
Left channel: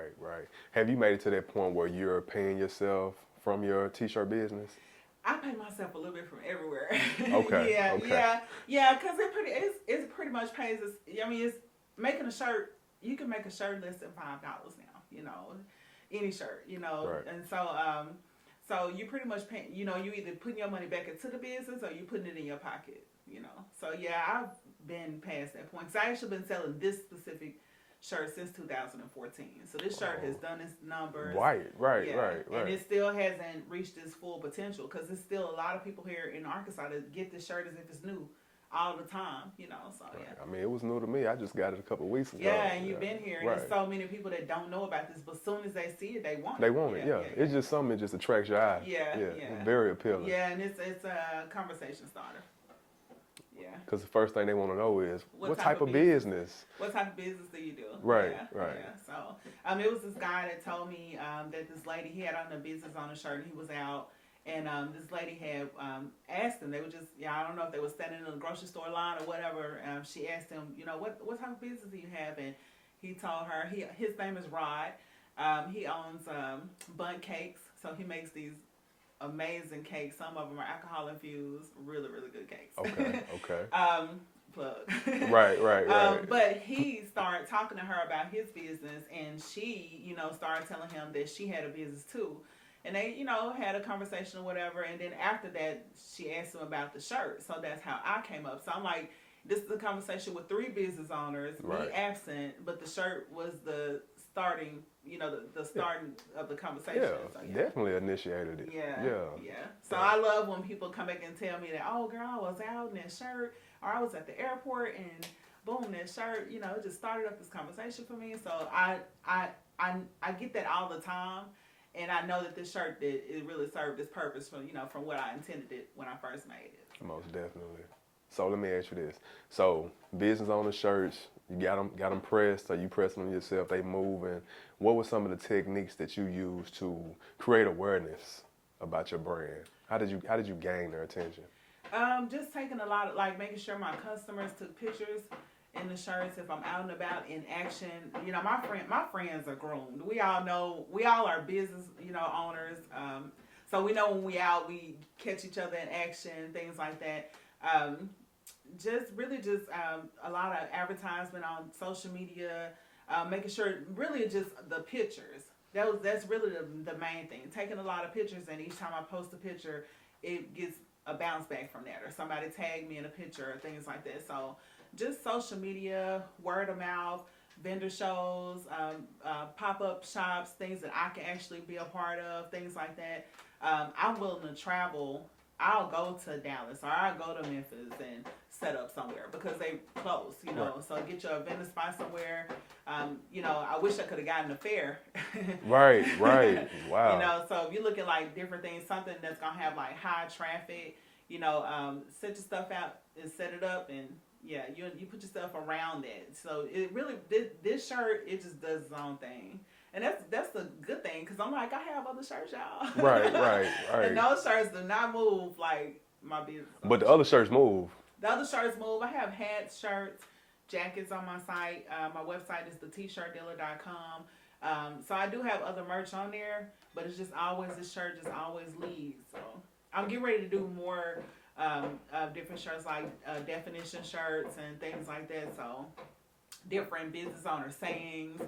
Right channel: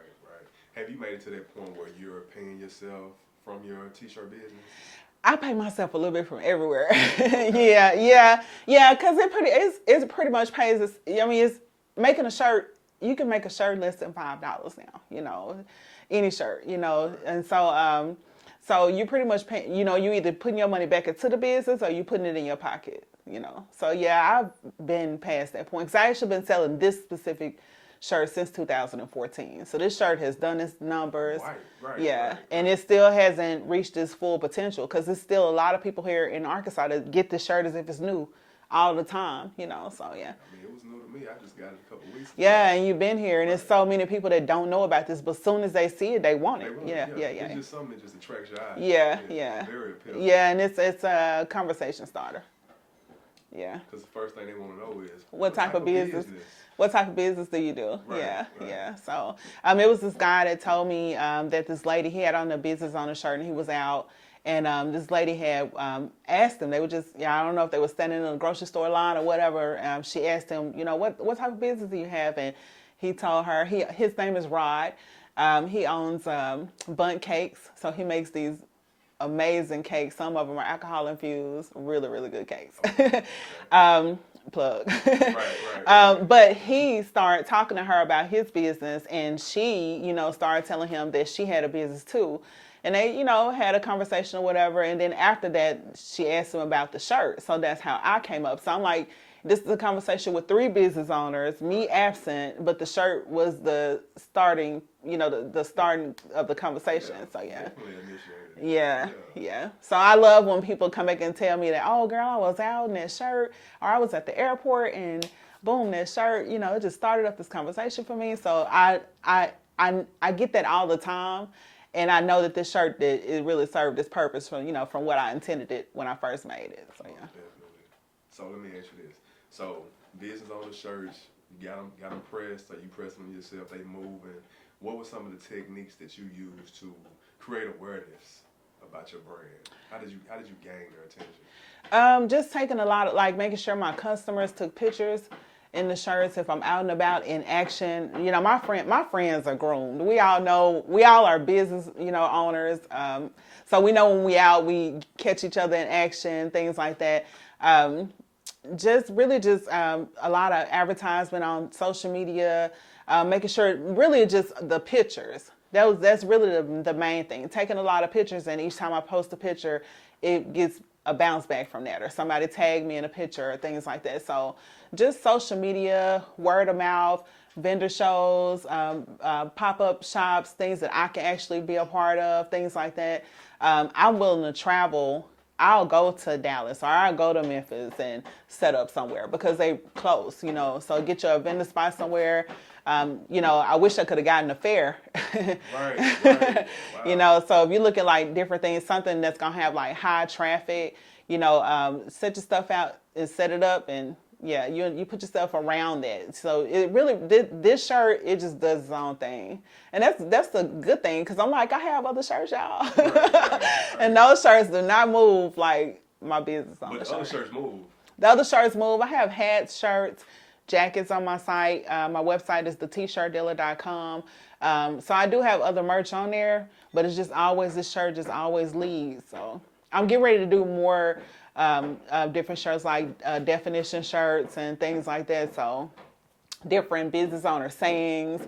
Have you made it to that point where you're paying yourself from your T-shirt business? I pay myself a little bit from everywhere. Okay. Yeah, because it pretty much pays us. It's making a shirt. You can make a shirt less than $5 now. Any shirt. Right. And so you pretty much pay. You either putting your money back into the business or you putting it in your pocket. So yeah, I've been past that point because I actually been selling this specific shirt since 2014. So this shirt has done its numbers. Right. And it still hasn't reached its full potential because there's still a lot of people here in Arkansas that get this shirt as if it's new all the time, so yeah. I mean, it was new to me. I just got it a couple of weeks ago. Yeah, and you've been here, and there's so many people that don't know about this, but as soon as they see it, they want it. They want it, yeah. It's just something that just attracts your eye. Yeah. Very appealing. Yeah, and it's a conversation starter. Yeah. Because the first thing they want to know is what type of business? What type of business do you do? Right. Yeah. So it was this guy that told me that this lady, he had on the business on the shirt and he was out. And this lady had asked him, they were just, I don't know if they were standing in a grocery store line or whatever. She asked him, what type of business do you have? And he told her, his name is Rod. He owns Bundt Cakes. So he makes these amazing cakes. Some of them are alcohol infused, really, really good cakes. Okay. Plug. Right. But he started talking to her about his business, and she, started telling him that she had a business too. And they, had a conversation or whatever. And then after that, she asked him about the shirt. So that's how I came up. So I'm like, this is a conversation with 3 business owners, me absent, but the shirt was the starting, the starting of the conversation. So yeah. Definitely initiated it. Yeah. So I love when people come back and tell me that, oh girl, I was out in that shirt, or I was at the airport and boom, that shirt, it just started up this conversation for me. So I get that all the time. And I know that this shirt, it really served its purpose from what I intended it when I first made it. So, Most definitely. So let me ask you this. So business owner shirts, you got them pressed, or you press them yourself, they move. And what were some of the techniques that you used to create awareness about your brand? How did you gain their attention? Just taking a lot of, making sure my customers took pictures in the shirts if I'm out and about in action. My friends are groomed. We all are business, owners. So we know when we out, we catch each other in action, things like that. Just a lot of advertisement on social media, making sure really just the pictures. That's really the main thing. Taking a lot of pictures, and each time I post a picture, it gets a bounce back from that, or somebody tag me in a picture or things like that. So just social media, word of mouth, vendor shows, pop-up shops, things that I can actually be a part of, things like that. I'm willing to travel. I'll go to Dallas or I'll go to Memphis and set up somewhere because they close, so get your vendor spot somewhere. I wish I could have gotten a fair. Right. Wow. So if you look at different things, something that's going to have high traffic, set your stuff out and set it up, and you put yourself around that. So it really, this shirt, it just does its own thing. And that's the good thing, because I'm I have other shirts, y'all. Right. And those shirts do not move like my business. But the other shirts move. The other shirts move. I have hats, shirts, jackets on my site. My website is the TeaShirtDealer.com. So I do have other merch on there, but it's just always, this shirt just always leads. So I'm getting ready to do more different shirts, definition shirts and things like that. So different business owner sayings,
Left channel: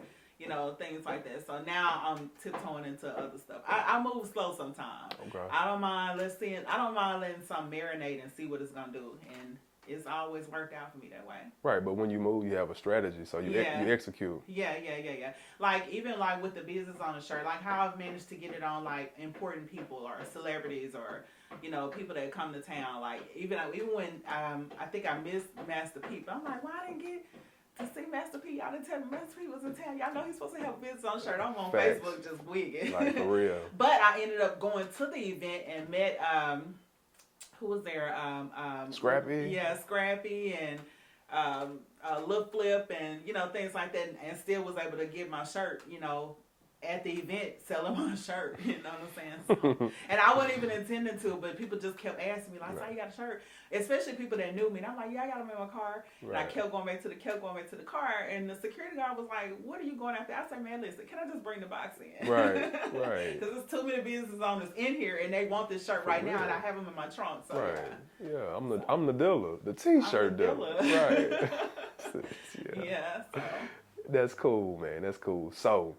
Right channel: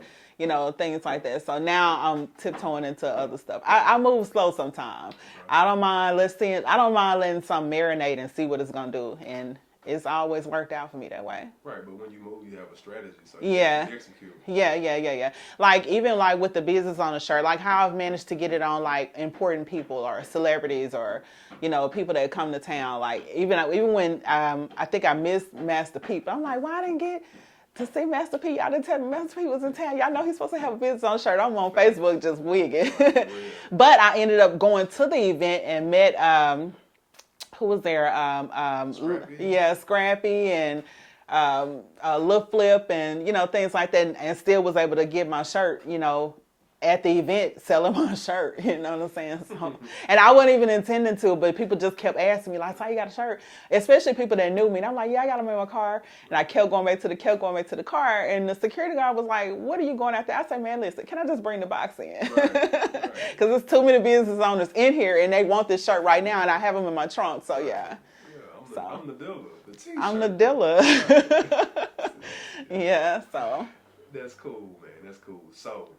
things like that. So now I'm tiptoeing into other stuff. I move slow sometimes. Okay. I don't mind letting something marinate and see what it's gonna do. And it's always worked out for me that way. Right, but when you move, you have a strategy, so you execute. Yeah. Even with the business owner shirt, how I've managed to get it on important people or celebrities or people that come to town. Even when I think I missed Master P, but I'm why I didn't get to see Master P? Y'all didn't tell me Master P was in town. Y'all know he's supposed to have a business owner shirt. I'm on Facebook just wigging. For real. But I ended up going to the event and met who was there? Scrappy. Yeah, Scrappy and Lil Flip and things like that, and still was able to get my shirt, at the event selling my shirt. You know what I'm saying? So, and I wasn't even intending to, but people just kept asking me how you got a shirt? Especially people that knew me. And I'm I got them in my car. And I kept going back to the car. And the security guard was like, what are you going after? I said, man, listen, can I just bring the box in? Right. Because there's too many business owners in here and they want this shirt right now, and I have them in my trunk. So yeah. Yeah, I'm the dealer. The T-shirt. I'm the dealer. Right. Yeah, so. That's cool, man. That's cool. So,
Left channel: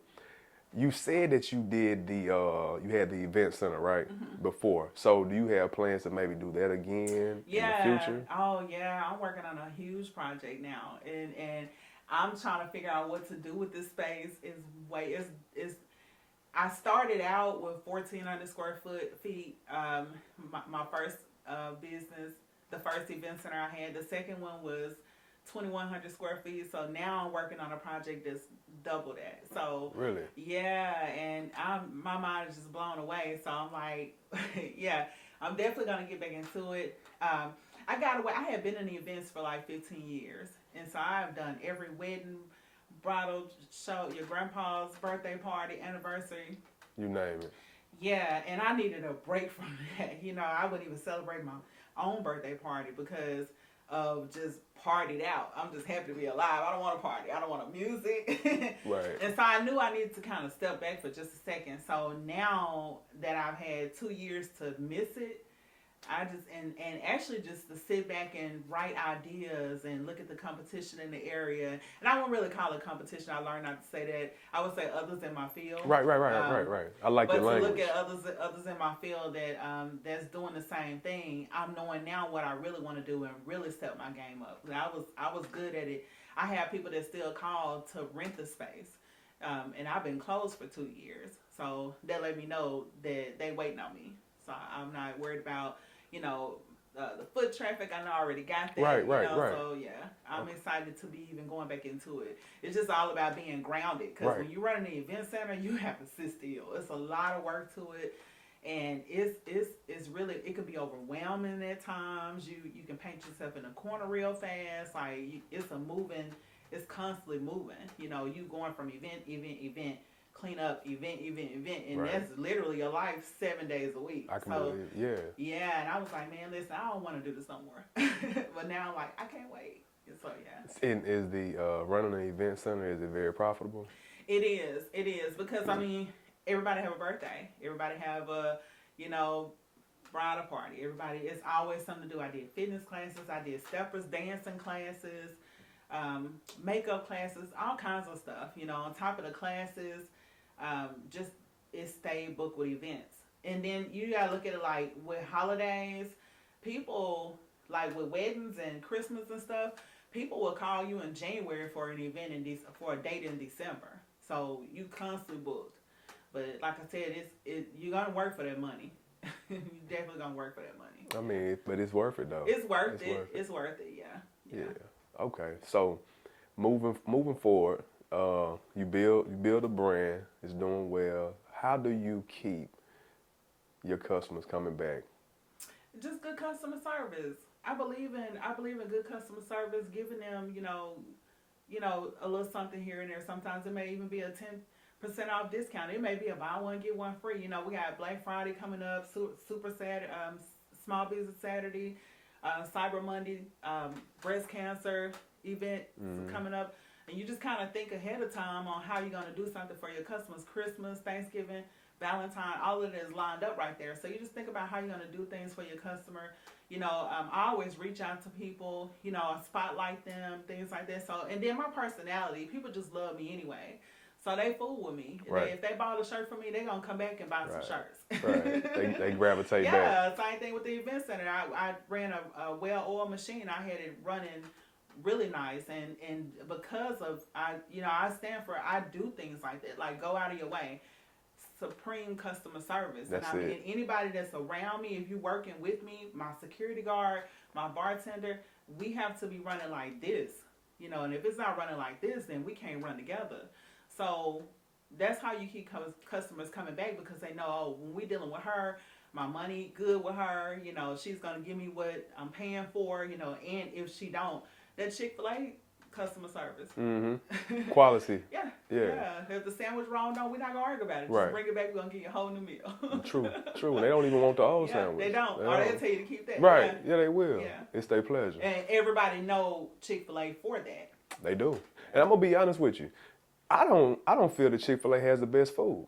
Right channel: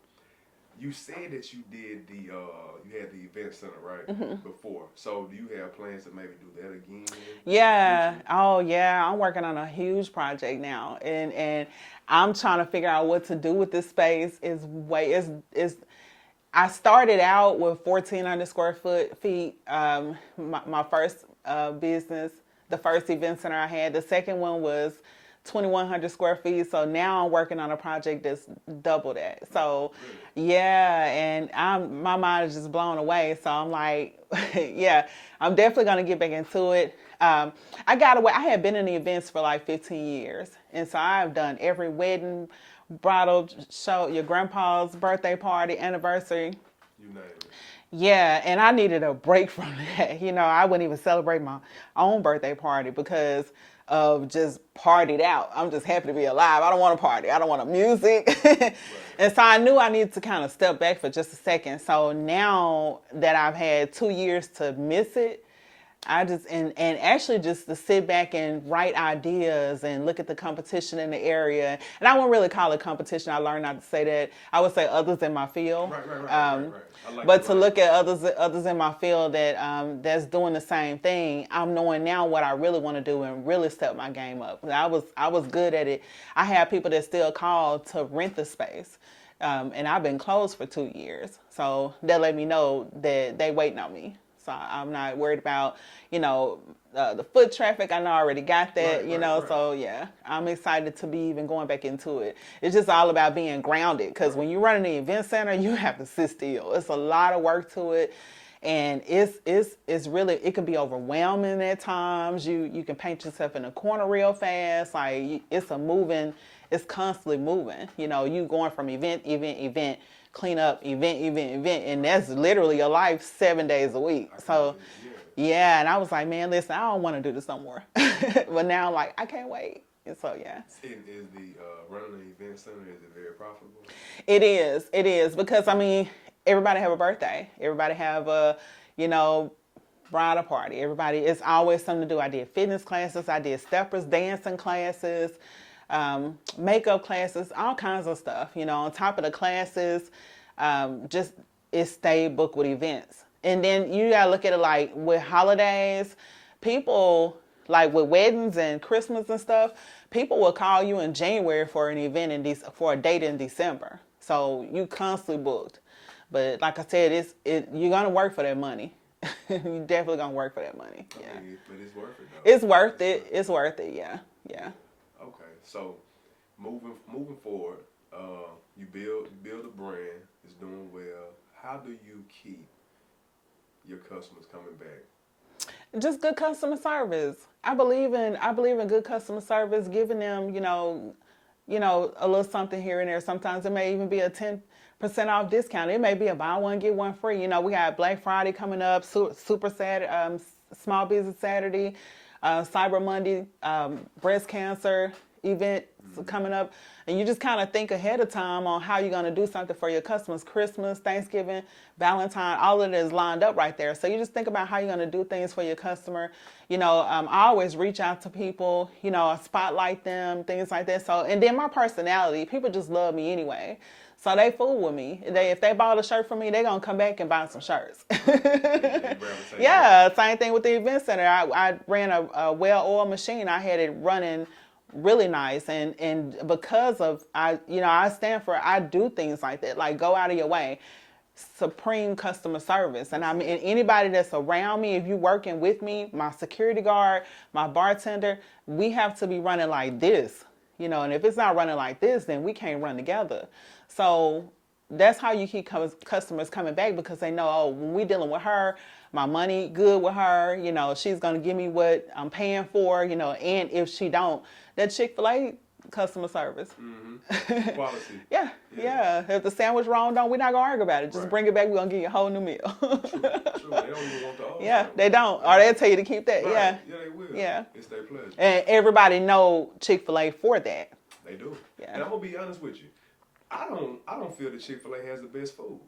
you said that you did you had the event center, right? Mm-hmm. Before. So do you have plans to maybe do that again? Yeah. Oh yeah. I'm working on a huge project now. And I'm trying to figure out what to do with this space. I started out with 1,400 square feet. My first business, the first event center I had. The second one was 2,100 square feet. So now I'm working on a project that's double that. So really? Yeah, and my mind is just blown away. So I'm yeah, I'm definitely gonna get back into it. I had been in the events for 15 years, and so I've done every wedding, bridal show, your grandpa's birthday party, anniversary. You name it. Yeah, and I needed a break from that. I wouldn't even celebrate my own birthday party because of just partied out. I'm just happy to be alive. I don't want to party. I don't want to music. Right. And so I knew I needed to kind of step back for just a second. So now that I've had 2 years to miss it, I just, and actually just to sit back and write ideas and look at the competition in the area. And I won't really call it competition. I learned not to say that. I would say others in my field. Right. I like but to look at others in my field that that's doing the same thing, I'm knowing now what I really want to do and really step my game up. I was good at it. I have people that still call to rent the space. And I've been closed for 2 years. So that let me know that they waiting on me. So I'm not worried about, the foot traffic. I know I already got that, Right. So yeah, I'm excited to be even going back into it. It's just all about being grounded because when you're running the event center, you have to sit still. It's a lot of work to it. And it's really, it can be overwhelming at times. You can paint yourself in a corner real fast. Like it's constantly moving. You going from event, clean up, event, and that's literally your life 7 days a week. Yeah, and I was like, man, listen, I don't want to do this no more. But now I'm like, I can't wait. And so, yeah. And is the running an event center, is it very profitable? It is because, I mean, everybody have a birthday. Everybody have a, bridal party. It's always something to do. I did fitness classes. I did steppers, dancing classes. Makeup classes, all kinds of stuff, on top of the classes, just it stayed booked with events. And then you gotta look at it like with holidays, people like with weddings and Christmas and stuff, people will call you in January for an event for a date in December. So you constantly booked. But like I said, you're gonna work for that money. You definitely gonna work for that money. I mean, but it's worth it though. It's worth it. It's worth it. Yeah. Okay, so moving forward, you build a brand. It's doing well. How do you keep your customers coming back? Just good customer service. I believe in good customer service, giving them a little something here and there. Sometimes it may even be a 10% off discount. It may be a buy one get one free. We got Black Friday coming up, Super Saturday, Small Business Saturday. Cyber Monday, breast cancer event coming up, and you just kind of think ahead of time on how you're going to do something for your customers. Christmas, Thanksgiving, Valentine, all of it is lined up right there. So you just think about how you're going to do things for your customer. I always reach out to people, spotlight them, things like that. So, and then my personality, people just love me anyway. So they fool with me. Right. If they bought a shirt from me, they're going to come back and buy some shirts. Right. They gravitate back. Same thing with the event center. I ran a well-oiled machine. I had it running really nice. And because of, I stand for, I do things like that. Like go out of your way. Supreme customer service. And and anybody that's around me, if you're working with me, my security guard, my bartender, we have to be running like this. And if it's not running like this, then we can't run together. So that's how you keep customers coming back because they know, when we're dealing with her, my money good with her, she's going to give me what I'm paying for, and if she don't, that Chick-fil-A customer service. Mm-hmm. Quality. Yeah. If the sandwich wrong, we're not going to argue about it. Just bring it back. We're going to give you a whole new meal. True. They don't even want the old sandwich. They don't. Or they'll tell you to keep that. Right. Yeah, they will. Yeah. It's their pleasure. And everybody know Chick-fil-A for that. They do. Yeah. And I'm going to be honest with you. I don't feel that Chick-fil-A has the best food.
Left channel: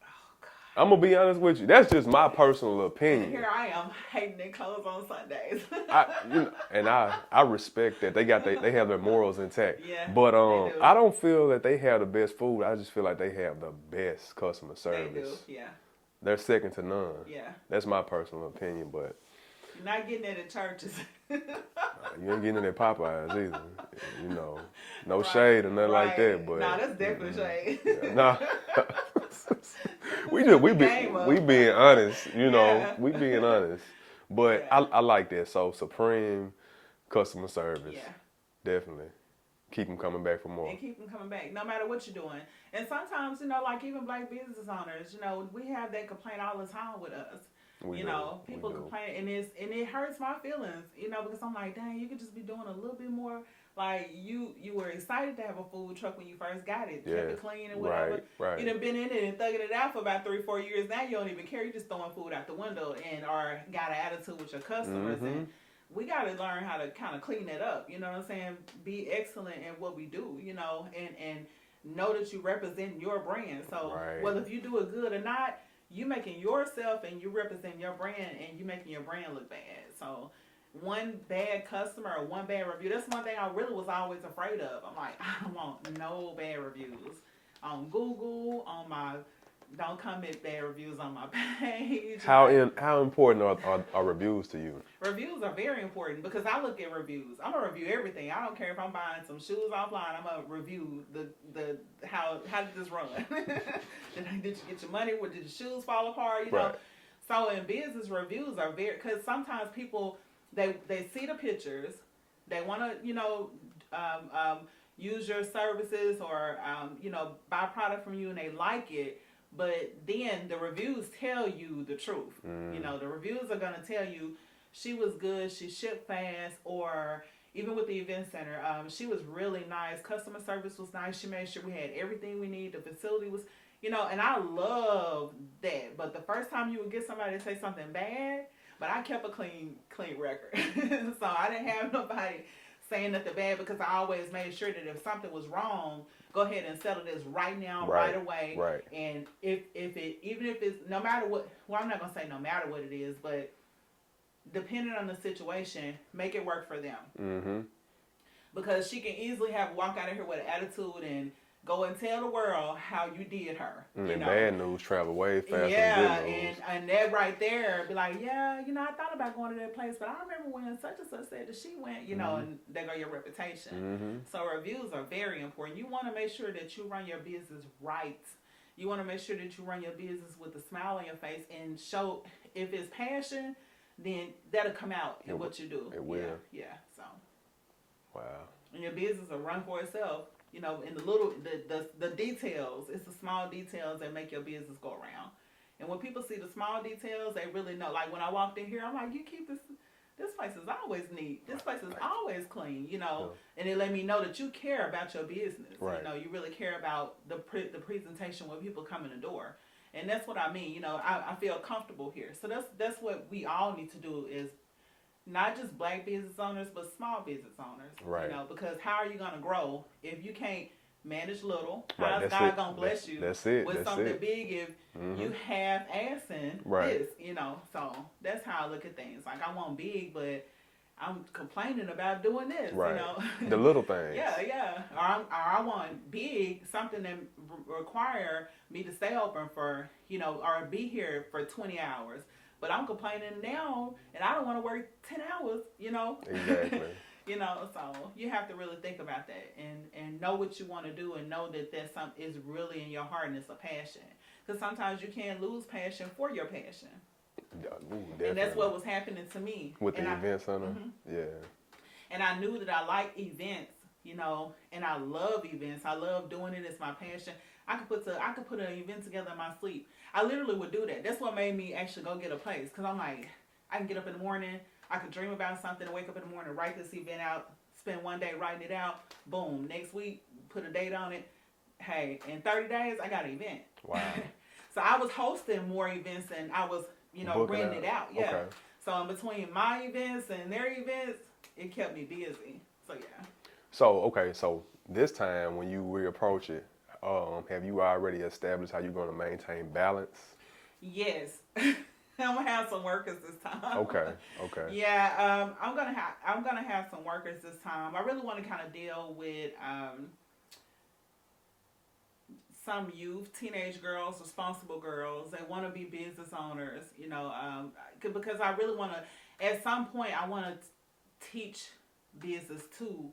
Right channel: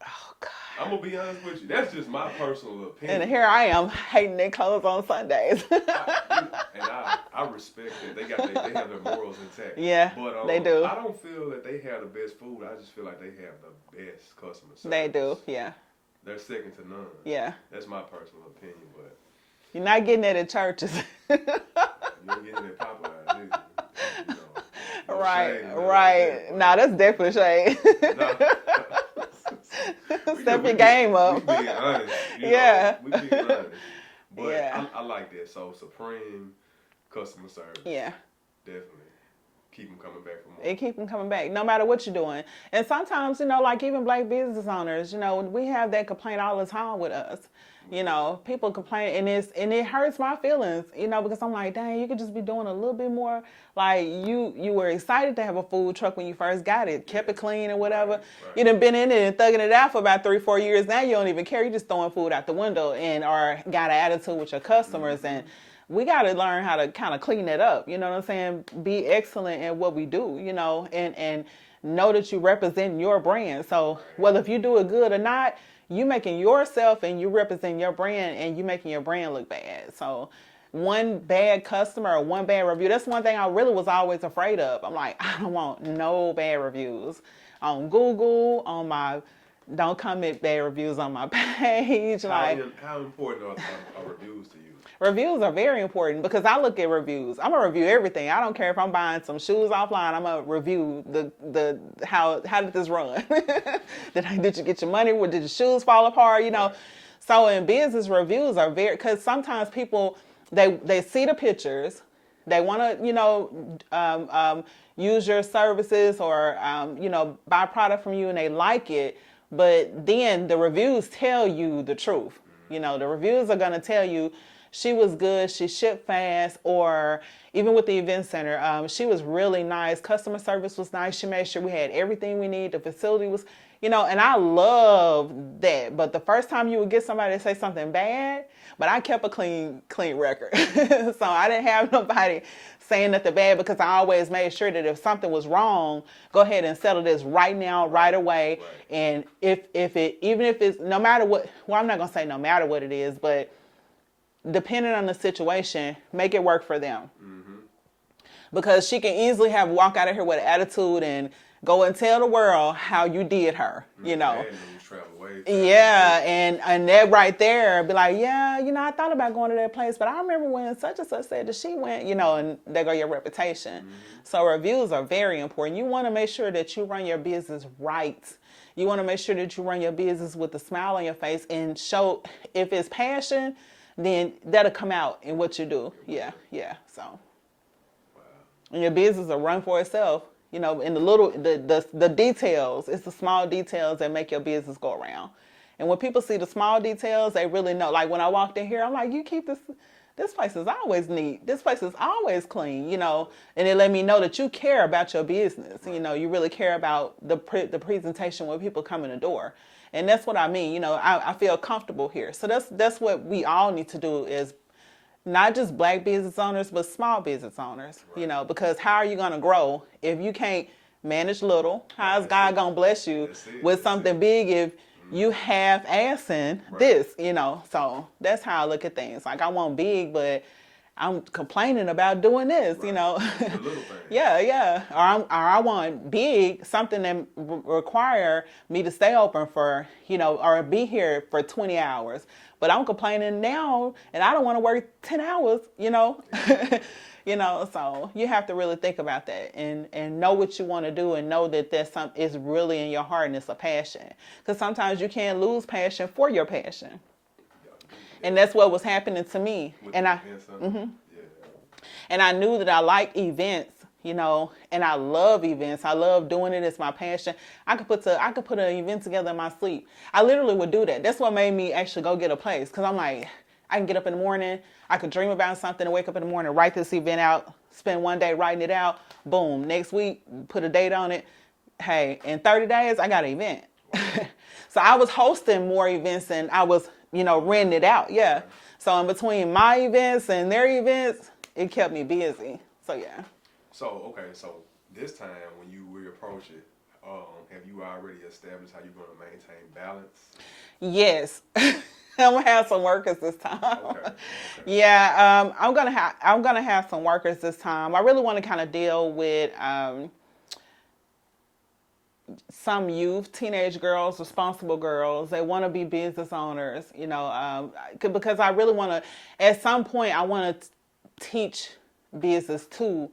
Oh, God. I'm going to be honest with you. That's just my personal opinion. And here I am hating their clothes on Sundays. I respect that. They have their morals intact. Yeah, but they do. I don't feel that they have the best food. I just feel like they have the best customer service. They do, yeah. They're second to none. Yeah. That's my personal opinion, but... You're not getting that at churches. You ain't getting it at Popeyes either. No shade or nothing like that. But, that's definitely shade. We being honest, we being honest. But I like that. So supreme customer service. Yeah. Definitely. Keep them coming back for more. And keep them coming back, no matter what you're doing. And sometimes, like even black business owners, we have that complaint all the time with us. People complain, and it hurts my feelings, because I'm like, dang, you could just be doing a little bit more. Like you were excited to have a food truck when you first got it, kept it clean and whatever. Right. You done been in it and thugging it out for about 3-4 years. Now you don't even care. You just throwing food out the window or got an attitude with your customers. Mm-hmm. And we got to learn how to kind of clean that up. You know what I'm saying? Be excellent at what we do, you know, and know that you represent your brand. So whether if you do it good or not, you making yourself and you represent your brand and you making your brand look bad. So one bad customer or one bad review, that's one thing I really was always afraid of. I'm like, I don't want no bad reviews on Google, on my, don't comment bad reviews on my page. How important are reviews to you? Reviews are very important because I look at reviews. I'm gonna review everything. I don't care if I'm buying some shoes offline. I'm gonna review the how did this run? Did you get your money? Did your shoes fall apart? You know. Right. So in business, reviews are very, because sometimes people they see the pictures, they want to, you know, use your services or you know, buy product from you and they like it. But then the reviews tell you the truth. You know, the reviews are going to tell you she was good, she shipped fast, or even with the event center, she was really nice. Customer service was nice. She made sure we had everything we need. The facility was, you know, and I love that. But the first time you would get somebody to say something bad, but I kept a clean record. So I didn't have nobody saying nothing bad because I always made sure that if something was wrong, go ahead and settle this right now, right away. Right. And even if it's no matter what, well, I'm not gonna say no matter what it is, but depending on the situation, make it work for them. Mm-hmm. Because she can easily walk out of here with an attitude and go and tell the world how you did her, you know. Bad news travel way faster. Yeah, and that right there be like, yeah, you know, I thought about going to that place, but I remember when such and such said that she went, you know, and there go your reputation. So reviews are very important. You want to make sure that you run your business right. You want to make sure that you run your business with a smile on your face and show, if it's passion, then that'll come out in what you do. Yeah. So, wow. And your business will run for itself. You know, in the details, it's the small details that make your business go around. And when people see the small details, they really know. Like when I walked in here, I'm like, you keep this place is always neat. This place is always clean, you know. And it let me know that you care about your business. Right. You know, you really care about the presentation when people come in the door. And that's what I mean. You know, I feel comfortable here. So that's what we all need to do, is not just black business owners, but small business owners, you know, because how are you going to grow if you can't manage little? How's God going to bless you with something big if you have assing this, you know? So that's how I look at things. Like, I want big, but I'm complaining about doing this, you know? The little things. Yeah. Or I want big, something that require me to stay open for, you know, or be here for 20 hours. But I'm complaining now, and I don't want to work 10 hours, you know? Exactly. You know, so you have to really think about that and know what you want to do and know that that's something is really in your heart and it's a passion. Because sometimes you can't lose passion for your passion. And that's what was happening to me. With the event center? Yeah. And I knew that I liked events, you know, and I love events. I love doing it. It's my passion. I could put an event together in my sleep. I literally would do that. That's what made me actually go get a place. Because I'm like, I can get up in the morning. I could dream about something and wake up in the morning, write this event out, spend one day writing it out. Boom. Next week, put a date on it. Hey, in 30 days, I got an event. Wow. So I was hosting more events than I was, you know, renting it out. Yeah. Okay. So in between my events and their events, it kept me busy. So, yeah. So this time when you reapproach it, have you already established how you're going to maintain balance? Yes. I'm gonna have some workers this time. Okay. Yeah, I'm gonna have some workers this time. I really want to kind of deal with some youth, teenage girls, responsible girls. They want to be business owners, you know, because I really want to. At some point, I want to teach business to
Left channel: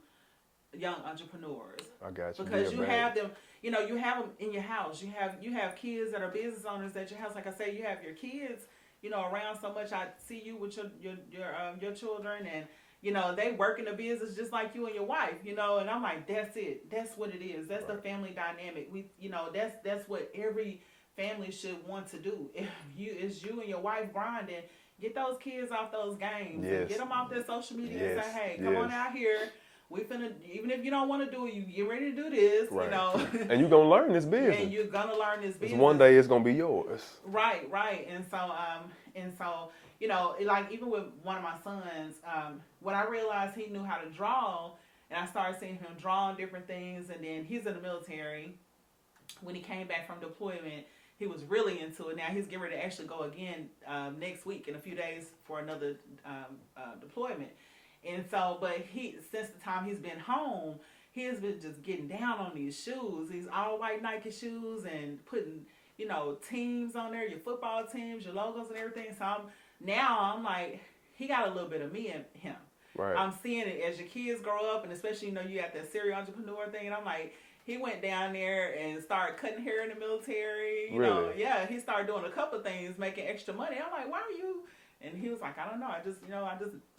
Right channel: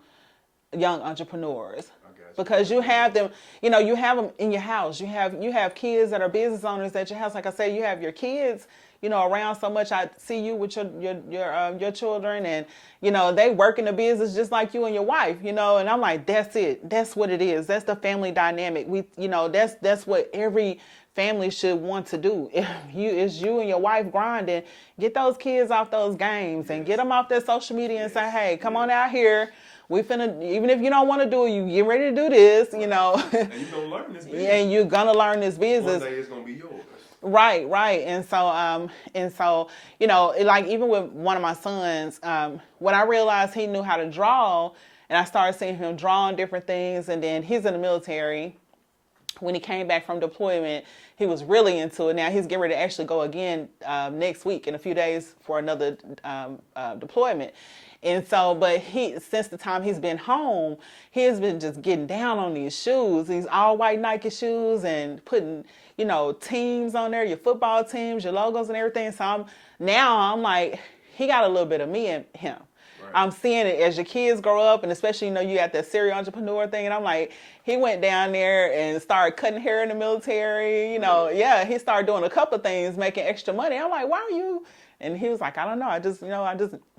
young entrepreneurs. I got you. Because you have them, you know, you have them in your house. You have kids that are business owners at your house. Like I said, you have your kids, you know, around so much. I see you with your children, and you know, they work in the business just like you and your wife, you know. And I'm like, that's it. That's what it is. That's the family dynamic. That's what every family should want to do. If it's you and your wife grinding, get those kids off those games and get them off their social media and say, hey, come on out here. even if you don't want to do it, you get ready to do this, right. you know. And you're going to learn this business. And you're going to learn this business. One day it's going to be yours. Right. And so, you know, like even with one of my sons, when I realized he knew how to draw, and I started seeing him drawing different things, and then he's in the military. When he came back from deployment, he was really into it. Now he's getting ready to actually go again next week in a few days for another deployment. And so, but since the time he's been home, he has been just getting down on these shoes, these all white Nike shoes, and putting, you know, teams on there, your football teams, your logos and everything. So I'm like, he got a little bit of me in him. Right. I'm seeing it as your kids grow up, and especially, you know, you got that serial entrepreneur thing, and I'm like, he went down there and started cutting hair in the military, you know, yeah, he started doing a couple of things, making extra money. I'm like, why are you? And he was like, I don't know, I just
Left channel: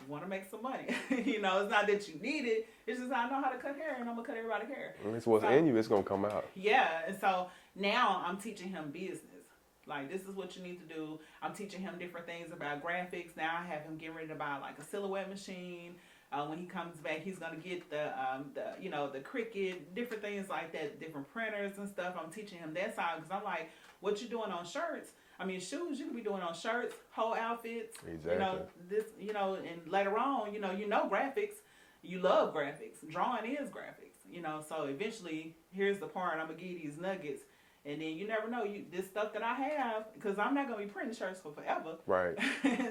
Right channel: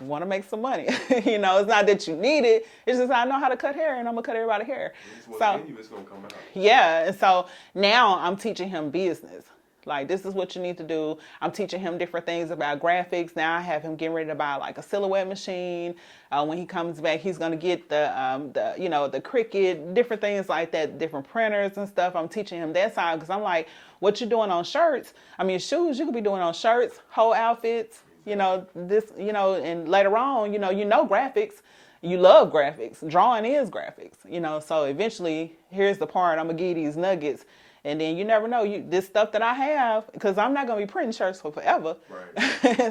want to make some money. You know, it's not that you need it, it's just I know how to cut hair, and I'm going to cut everybody's hair. And it's what's in you, it's going to come out. Yeah, and so now I'm teaching him business. Like, this is what you need to do. I'm teaching him different things about graphics. Now I have him getting ready to buy like a silhouette machine. When he comes back, he's going to get the you know, the Cricut, different things like that, different printers and stuff. I'm teaching him that side because I'm like, what you're doing on shirts, I mean, shoes, you could be doing on shirts, whole outfits, exactly. You know, this, you know, and later on, you know graphics. You love graphics. Drawing is graphics, you know, so eventually, here's the part, I'm going to give you these nuggets. And then you never know, this stuff that I have, because I'm not going to be printing shirts for forever. Right.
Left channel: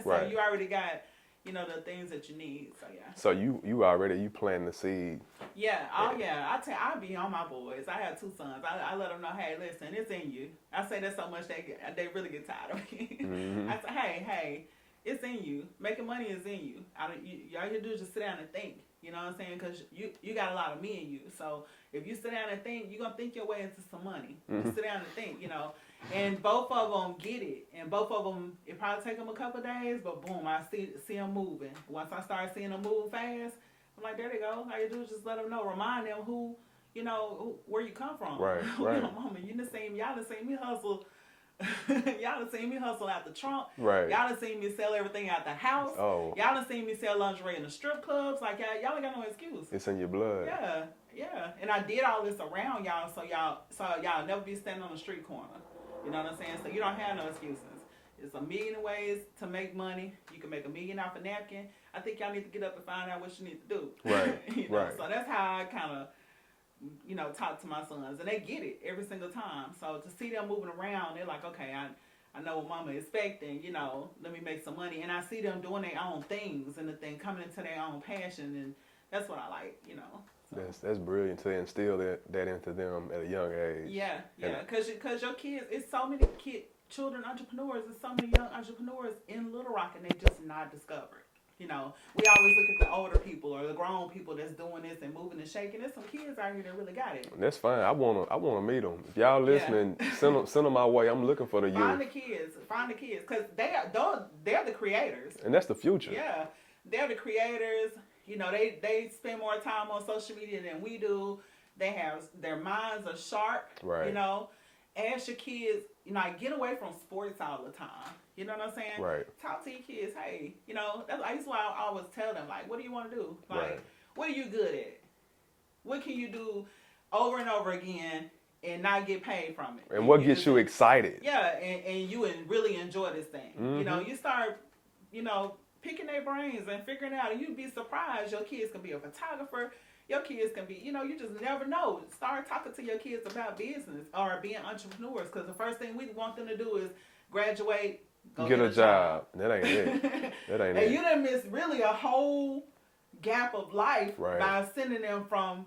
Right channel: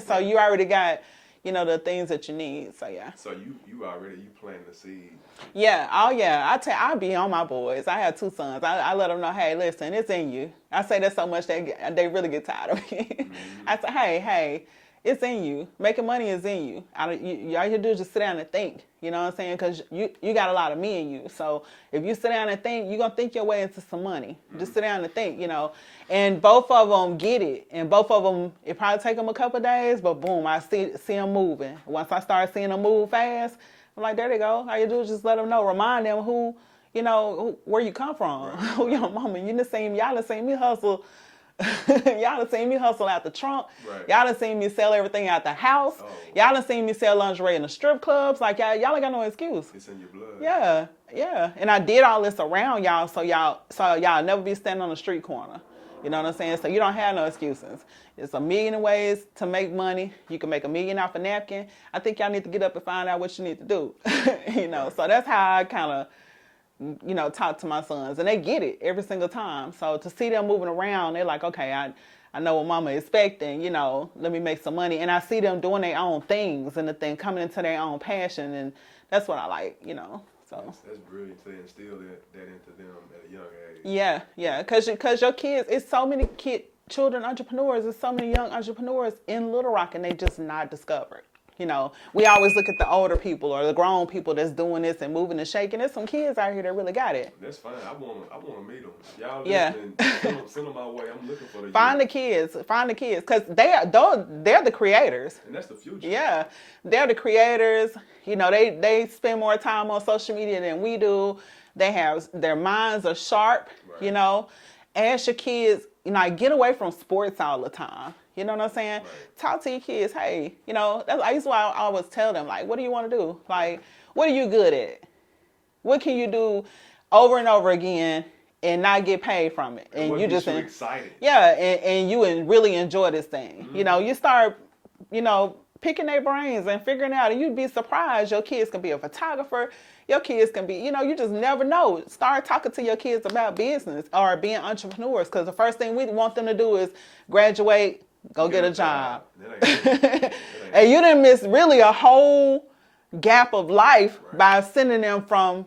So right. You already got, you know, the things that you need. So, yeah. So you planting the seed. Yeah. Oh, yeah. I be on my boys. I have 2 sons. I let them know, hey, listen, it's in you. I say that so much they really get tired of me. Mm-hmm. I say, hey, it's in you. Making money is in you. All you do is just sit down and think. You know what I'm saying? Because you got a lot of me in you. So if you sit down and think, you're going to think your way into some money. Mm-hmm. Just sit down and think, you know. And both of them get it. And both of them, it probably take them a couple of days, but boom, I see them moving. Once I start seeing them move fast, I'm like, there they go. All you do is just let them know. Remind them who, you know, where you come from. Right, who your mama. Y'all done seen me hustle. Y'all done seen me hustle out the trunk. Right. Y'all done seen me sell everything out the house. Oh. Y'all done seen me sell lingerie in the strip clubs. Like, y'all ain't got no excuse. It's in your blood. Yeah. And I did all this around y'all so y'all never be standing on the street corner. You know what I'm saying? So you don't have no excuses. It's a million ways to make money. You can make $1 million off a napkin. I think y'all need to get up and find out what you need to do. Right. You know, so that's how I kind of, you know, talk to my sons, and they get it every single time. So to see them moving around, they're like, okay, I know what mama is expecting, you know, let me make some money. And I see them doing their own things and the thing coming into their own passion, and that's what I like, you know. So that's brilliant to instill that into them at a young age. Yeah, because your kids, it's so many children entrepreneurs, there's so many young entrepreneurs in Little Rock, and they just not discovered. You know, we always look at the older people or the grown people that's doing this and moving and shaking. There's some kids out here that really got it. That's fine. I wanna meet them. If y'all listening, send them my way. I'm looking for the Find the kids, because they're the creators. And that's the future. Yeah, they're the creators. You know, they spend more time on social media than we do. Their minds are sharp. Right. You know, ask your kids. You know, get away from sports all the time. You know what I'm saying? Right. Talk to your kids. Hey, you know, I used to always tell them, like, what do you want to do? Like, what are you good at? What can you do over and over again and not get paid from it? And what gets you excited? Yeah, and you really enjoy this thing. Mm-hmm. You know, you start, you know, picking their brains and figuring out, and you'd be surprised. Your kids can be a photographer. Your kids can be, you know, you just never know. Start talking to your kids about business or being entrepreneurs, because the first thing we want them to do is graduate, go get a job. That ain't it. And you didn't miss really a whole gap of life by sending them from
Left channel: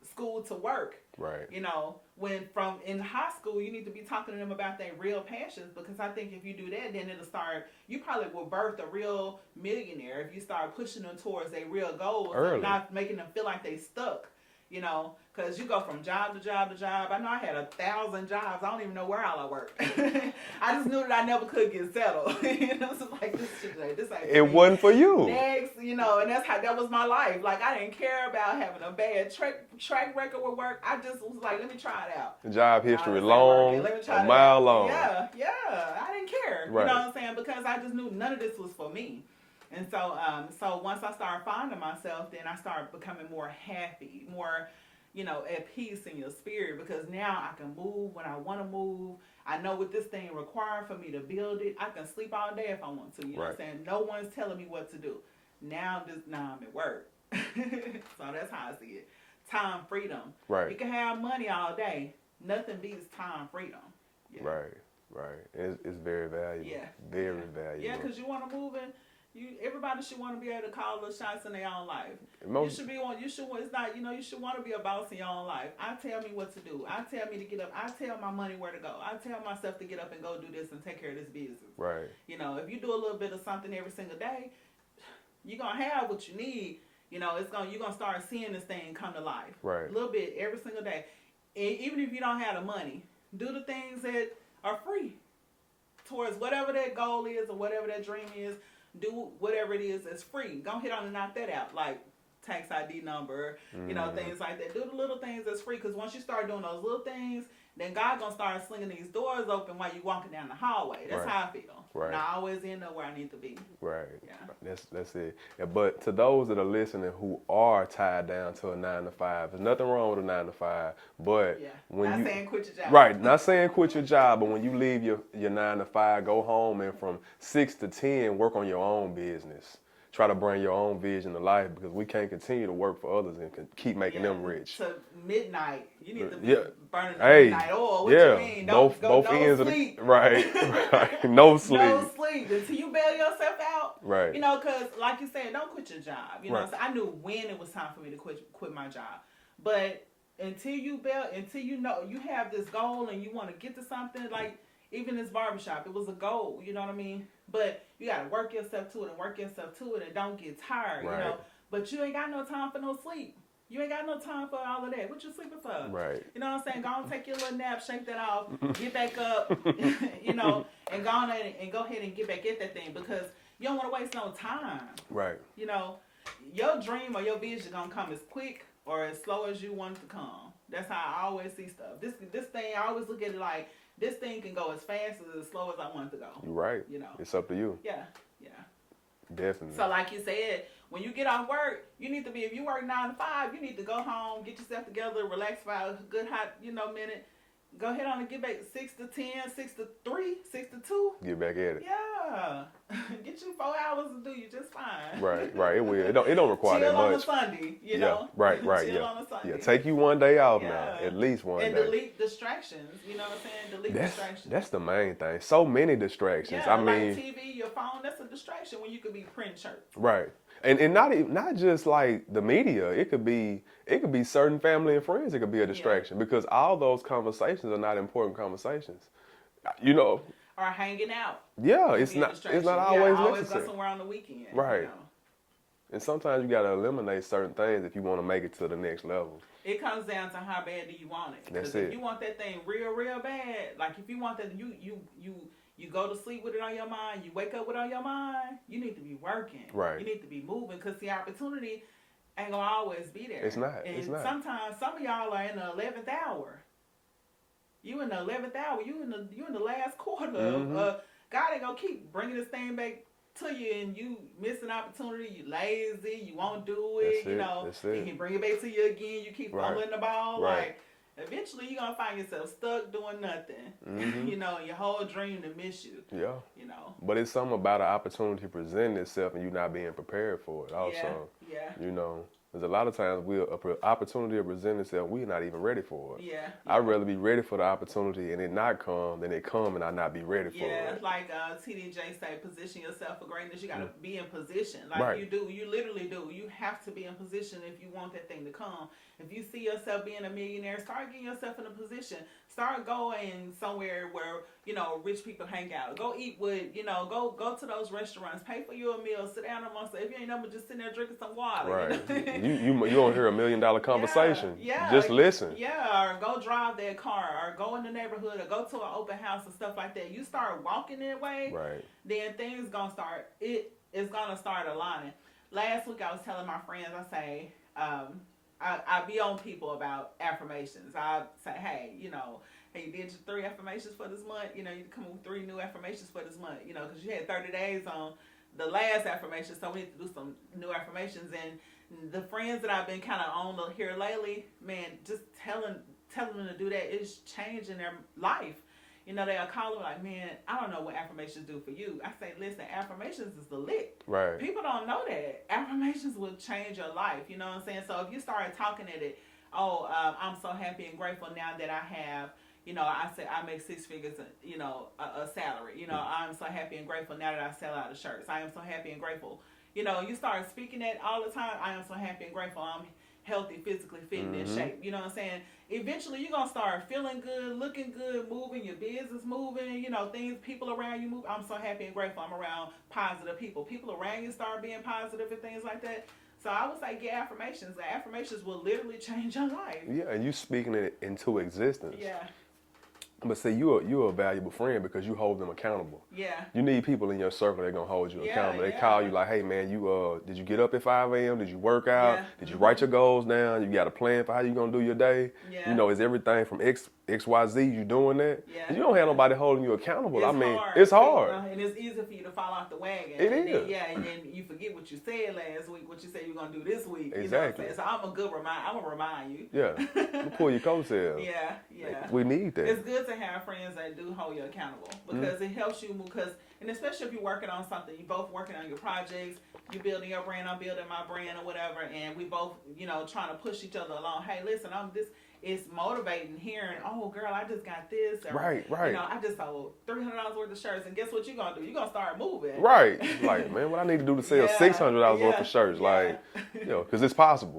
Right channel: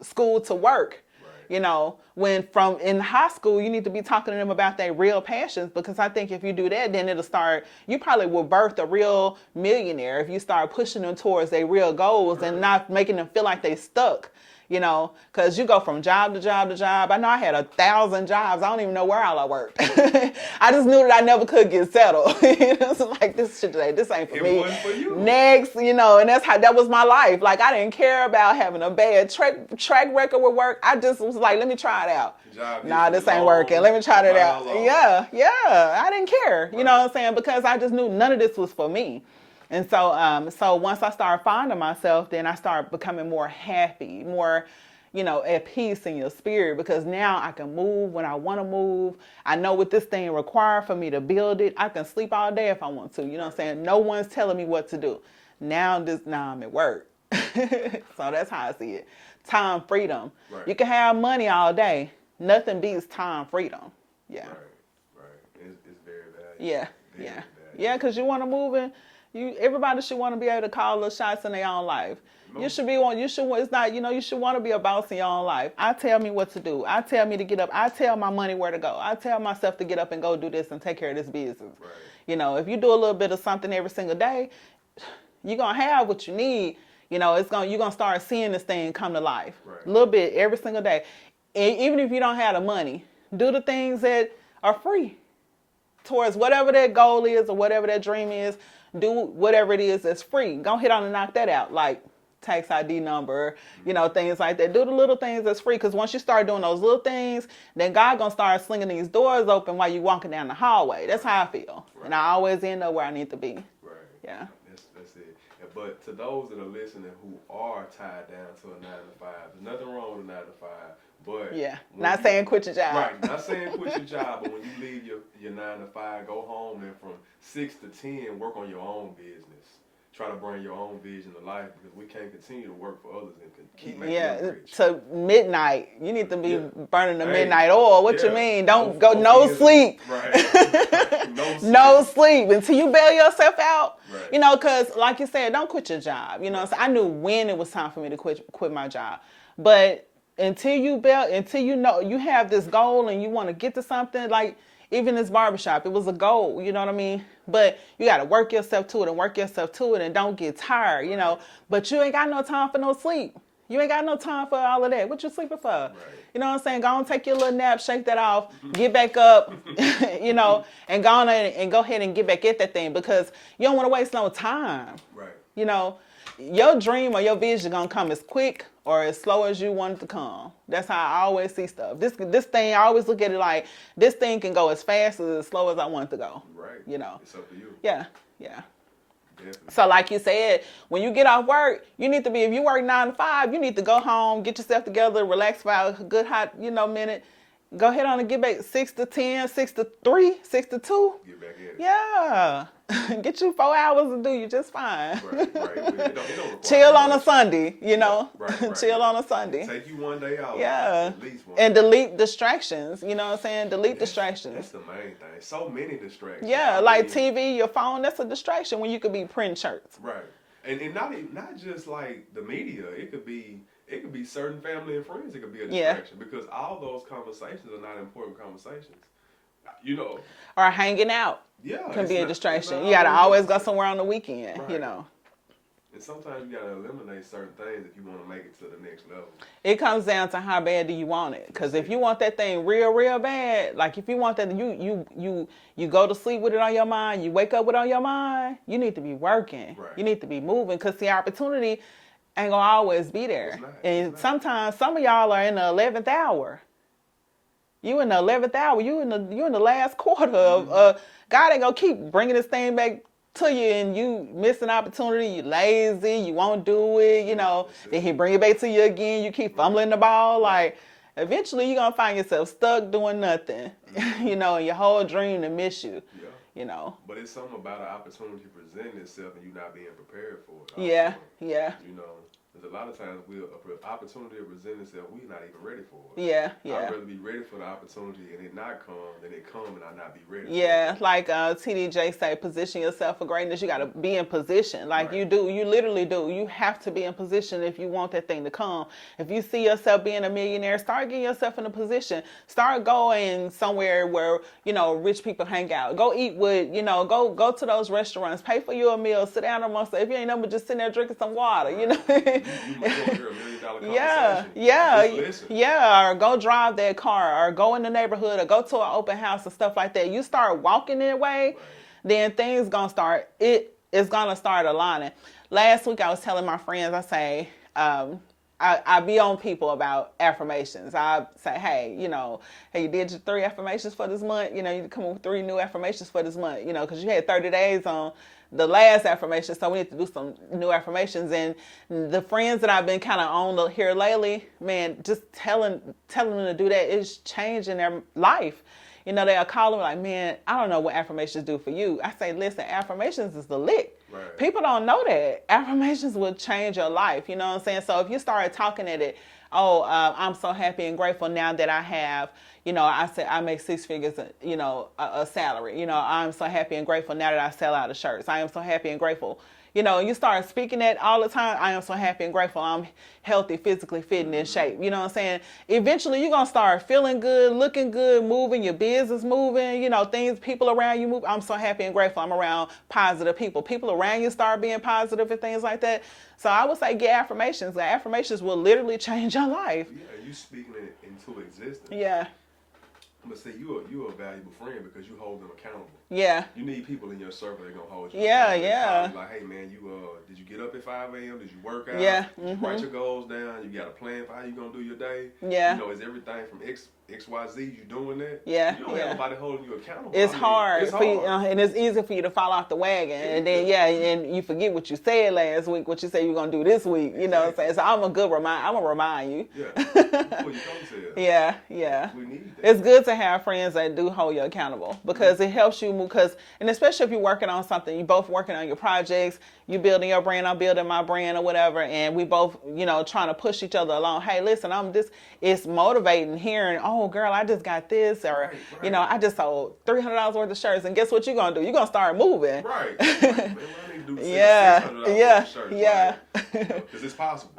school to work. Right. You know, when from in high school, you need to be talking to them about their real passions, because I think if you do that, then it'll start, you probably will birth a real millionaire if you start pushing them towards their real goals and not making them feel like they stuck. You know, because you go from job to job to job. I know I had 1,000 jobs. I don't even know where all I worked. I just knew that I never could get settled. It's like, this ain't for me. It wasn't for you. Next, you know, and that was my life. Like, I didn't care about having a bad track record with work. I just was like, let me try it out. Job history, this ain't working. Let me try it out. Long. Yeah. I didn't care. Right. You know what I'm saying? Because I just knew none of this was for me. And so once I started finding myself, then I started becoming more happy, more, at peace in your spirit, because now I can move when I want to move. I know what this thing requires for me to build it. I can sleep all day if I want to. You know what I'm saying? No one's telling me what to do. Now I'm at work. So that's how I see it. Time freedom. Right. You can have money all day. Nothing beats time freedom. Yeah. Right. It's very valuable. Yeah. Very valuable. Yeah, because you want to move in. Everybody should want to be able to call the shots in their own life. You should it's not, you should want to be a boss in your own life. I tell me what to do. I tell me to get up. I tell my money where to go. I tell myself to get up and go do this and take care of this business. Right. If you do a little bit of something every single day, you're going to have what you need. You're going to start seeing this thing come to life. Right. A little bit every single day. And even if you don't have the money, do the things that are free towards whatever that goal is or whatever that dream is. Do whatever it is that's free. Go ahead on and knock that out, like tax ID number, things like that. Do the little things that's free, because once you start doing those little things, then God gonna start slinging these doors open while you walking down the hallway. That's how I feel. Right. And I always end up where I need to be. Right. Yeah. That's it. Yeah, but to those that are listening who are tied down to a 9 to 5, there's nothing wrong with a 9 to 5. But not saying quit your job. Right. Not saying quit your job, but when you leave your 9 to 5, go home and from 6 to 10 work on your own business. Try to bring your own vision to life, because we can't continue to work for others and keep making them rich. To midnight. You need to be burning the midnight oil. What you mean? Don't go no sleep. Right. No sleep. No sleep until you bail yourself out. Right. Because like you said, don't quit your job. You know what I'm saying? I knew when it was time for me to quit my job. But until you know you have this goal and you want to get to something, like even this barbershop, it was a goal, you know what I mean? But you got to work yourself to it and don't get tired, But you ain't got no time for no sleep. You ain't got no time for all of that. What you sleeping for? Right. You know what I'm saying? Go on, take your little nap, shake that off, get back up, and go on and go ahead and get back at that thing, because you don't want to waste no time. Right. Your dream or your vision gonna come as quick or as slow as you want it to come. That's how I always see stuff. This thing, I always look at it like this thing can go as fast as slow as I want it to go. You're right. It's up to you. Yeah. Definitely. So like you said, when you get off work, you need to be, if you work 9 to 5, you need to go home, get yourself together, relax for a good hot, minute. Go ahead on and get back 6 to 10, 6 to 3, 6 to 2. Get back at it. Yeah. Get you 4 hours to do you just fine. Right. It don't require chill on much. a Sunday, Right. Chill on a Sunday. Yeah, take you one day out. Yeah. At least one and day. delete distractions. You know what I'm saying? Delete distractions. That's the main thing. So many distractions. Yeah, like TV, your phone, that's a distraction when you could be printing shirts. Right. And not just like the media. It could be certain family and friends. It could be a distraction, because all those conversations are not important conversations. Or hanging out. Yeah, can be a distraction. You gotta always go somewhere on the weekend. Right. And sometimes you gotta eliminate certain things if you want to make it to the next level. It comes down to how bad do you want it. Because if you want that thing real, real bad, like if you want that, you go to sleep with it on your mind, you wake up with it on your mind, you need to be working. Right. You need to be moving, because the opportunity ain't gonna always be there. It's not. Sometimes some of y'all are in the 11th hour. You in the 11th hour. You in the last quarter of God ain't gonna keep bringing this thing back to you, and you miss an opportunity. You lazy. You won't do it. Then he bring it back to you again. You keep fumbling the ball. Right. Like eventually you're gonna find yourself stuck doing nothing. And your whole dream to miss you. Yeah. But it's something about an opportunity presenting itself and you not being prepared for it. Also. Yeah. There's a lot of times an opportunity to present itself, we're not even ready for it. Yeah. I'd rather be ready for the opportunity and it not come than it come and I not be ready for it. Yeah, like TDJ say, position yourself for greatness. You got to be in position. Like you do. You literally do. You have to be in position if you want that thing to come. If you see yourself being a millionaire, start getting yourself in a position. Start going somewhere where, rich people hang out. Go eat with, go to those restaurants. Pay for your meal. Sit down amongst, if you ain't nothing but just sitting there drinking some water, Right. You don't hear $1 million conversation. Yeah. Just listen. Yeah, or go drive that car, or go in the neighborhood, or go to an open house and stuff like that. You start walking that way, then things gonna start. It's gonna start aligning. Last week I was telling my friends, I say, I be on people about affirmations. I say, hey, you did your 3 affirmations for this month. You come up with 3 new affirmations for this month, because you had 30 days on the last affirmation, so we need to do some new affirmations. And the friends that I've been kind of on here lately, man, just telling them to do that is changing their life. They'll call them like, man, I don't know what affirmations do for you. I say, listen, affirmations is the lick. Right. People don't know that. Affirmations will change your life. You know what I'm saying? So if you start talking at it, I'm so happy and grateful now that I have, I said I make 6 figures, a salary. I'm so happy and grateful now that I sell out of shirts. I am so happy and grateful. You start speaking that all the time. I am so happy and grateful. I'm healthy, physically fit and in shape. You know what I'm saying? Eventually, you're going to start feeling good, looking good, moving, your business moving, things, people around you move. I'm so happy and grateful. I'm around positive people. People around you start being positive and things like that. So I would say get affirmations. The affirmations will literally change your life. Yeah, and you speaking it into existence. Yeah. But see, you're a valuable friend because you hold them accountable. Yeah. You need people in your circle that are going to hold you accountable. They call you like, hey, man, did you get up at 5 a.m.? Did you work out? Yeah. Did you write your goals down? You got a plan for how you going to do your day? Yeah. Is everything from XYZ, you doing that? Yeah. You don't have nobody holding you accountable. It's hard. It's hard. And it's easy for you to fall off the wagon. And then, and you forget what you said last week, what you said you're going to do this week. Exactly. You know what I'm saying? So I'm going to remind you. Yeah. You pull your coattails. Yeah, yeah. We need that. It's good to have friends that do hold you accountable because it helps you move. And especially if you're working on something, you both working on your projects, you building your brand, I'm building my brand or whatever, and we both, trying to push each other along. Hey, listen, it's motivating hearing, oh, girl, I just got this, or, right. I just sold $300 worth of shirts, and guess what you're going to do? You're going to start moving. Right. Like, man, what I need to do to sell $600 worth of shirts? Yeah. Because it's possible.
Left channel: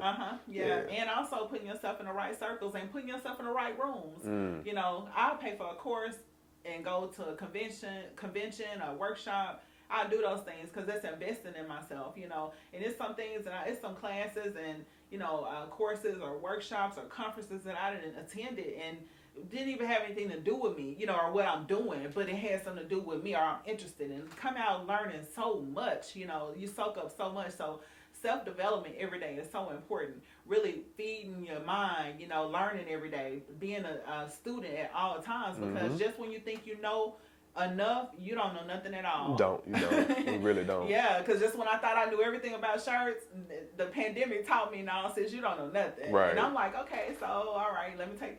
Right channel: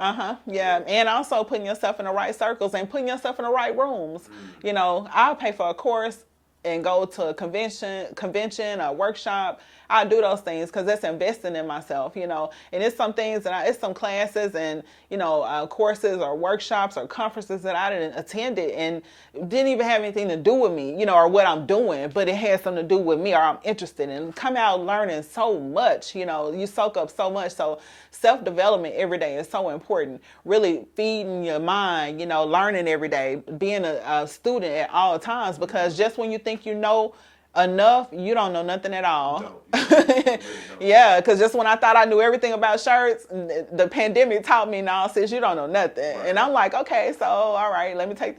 Yeah. And also putting yourself in the right circles and putting yourself in the right rooms. I'll pay for a course and go to a convention, a workshop. I do those things because that's investing in myself, and it's some things it's some classes and, courses or workshops or conferences that I didn't attend it and didn't even have anything to do with me, or what I'm doing, but it has something to do with me or I'm interested in. Come out learning so much, you soak up so much. So self-development every day is so important. Really feeding your mind, learning every day, being a student at all times, because just when you think you know enough, you don't know nothing at all. You really don't. Yeah, because just when I thought I knew everything about shirts, the pandemic taught me, no, sis, you don't know nothing. Right. And I'm like, okay, so all right, let me take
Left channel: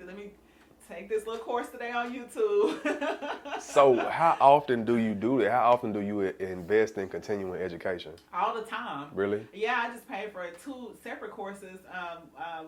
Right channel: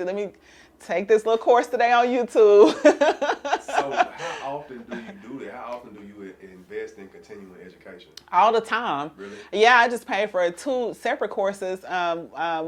this little course today on YouTube. So how often do you do that? How often do you invest in continuing education? All the time. Really? Yeah, I just paid for 2 separate courses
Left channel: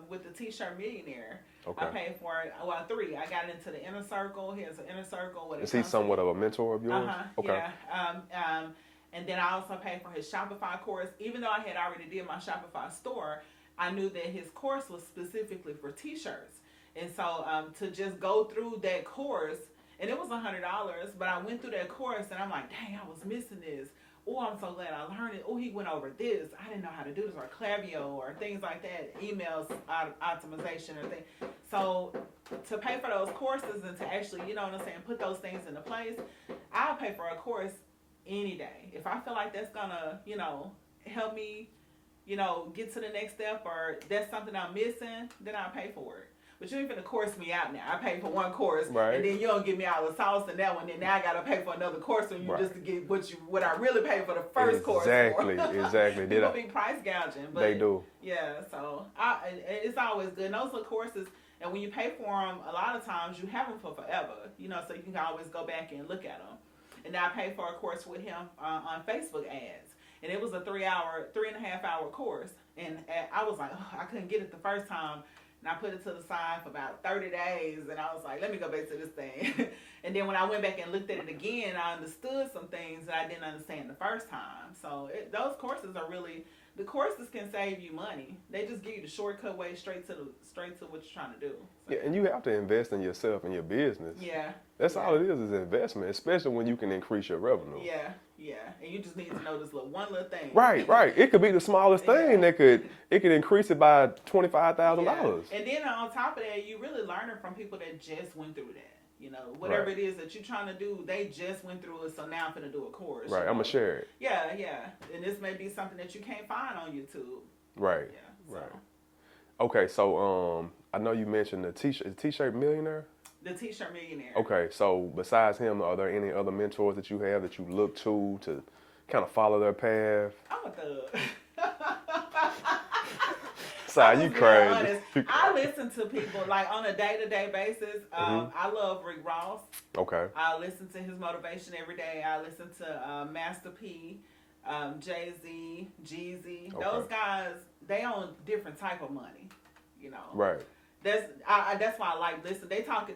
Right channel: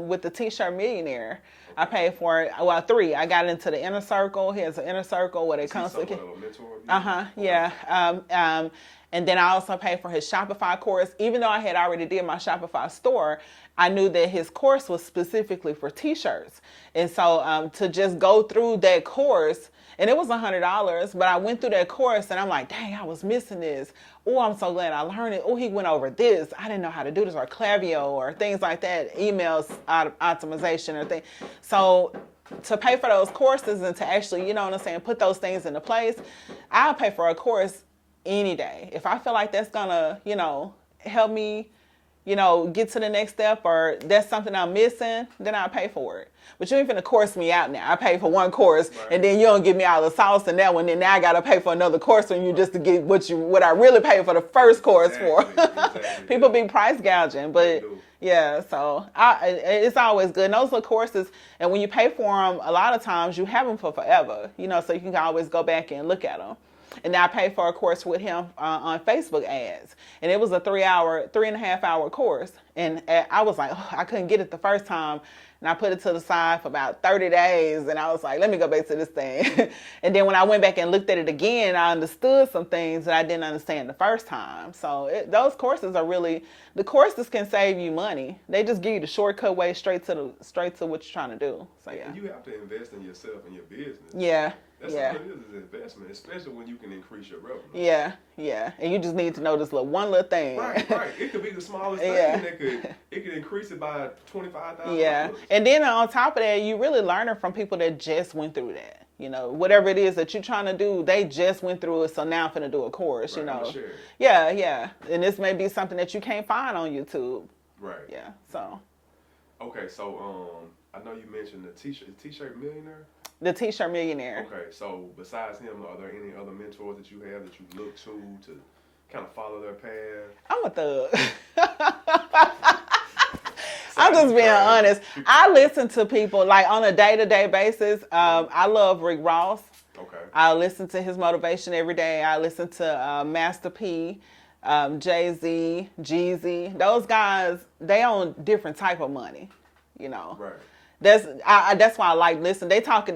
with the T-shirt millionaire. Okay. I paid for 3. I got into the inner circle. He has an inner circle where Is he somewhat of a mentor of yours? Okay. Yeah. And then I also paid for his Shopify course. Even though I had already did my Shopify store, I knew that his course was specifically for T-shirts. And so to just go through that course, and it was $100, but I went through that course and I'm like, dang, I was missing this. Oh, I'm so glad I learned it. Oh, he went over this. I didn't know how to do this, or Klaviyo or things like that, emails optimization or things. So to pay for those courses and to actually, put those things into place, I'll pay for a course any day. If I feel like that's gonna, help me, get to the next step, or that's something I'm missing, then I'll pay for it. But you ain't finna course me out now. I pay for one course, and then you don't give me all the sauce in that one. Then now I gotta pay for another course from you just to get what I really paid for the first course for. Exactly. People be price gouging, but they do. Yeah. So it's always good. And those are courses, and when you pay for them, a lot of times you have them for forever. So you can always go back and look at them. And I paid for a course with him on Facebook ads. And it was a 3.5 hour course. And I was like, I couldn't get it the first time. And I put it to the side for about 30 days. And I was like, let me go back to this thing. And then when I went back and looked at it again, I understood some things that I didn't understand the first time. So those courses are really, the courses can save you money. They just give you the shortcut way straight to what you're trying to do. So, And you have to invest in yourself and your business. Yeah. That's all it is investment, especially when you can increase your revenue. Yeah. And you just need to know this one little thing. Right. It could be the smallest thing, and it could increase it by $25,000. Yeah. And then on top of that, you really learning from people that just went through that. Whatever it is that you're trying to do, they just went through it, so now I'm finna do a course. Right, I'm gonna share it. Yeah. And this may be something that you can't find on YouTube. Right. Yeah. So. Okay, so I know you mentioned the T-shirt millionaire. The T-shirt millionaire. Okay, so besides him, are there any other mentors that you have that you look to kind of follow their path? I'm a thug. Sorry, I'm just being honest. I listen to people like on a day-to-day basis. I love Rick Ross. Okay. I listen to his motivation every day. I listen to Master P, Jay-Z, Jeezy. Those guys, they own different type of money, you know. Right. That's why I like listening. They talking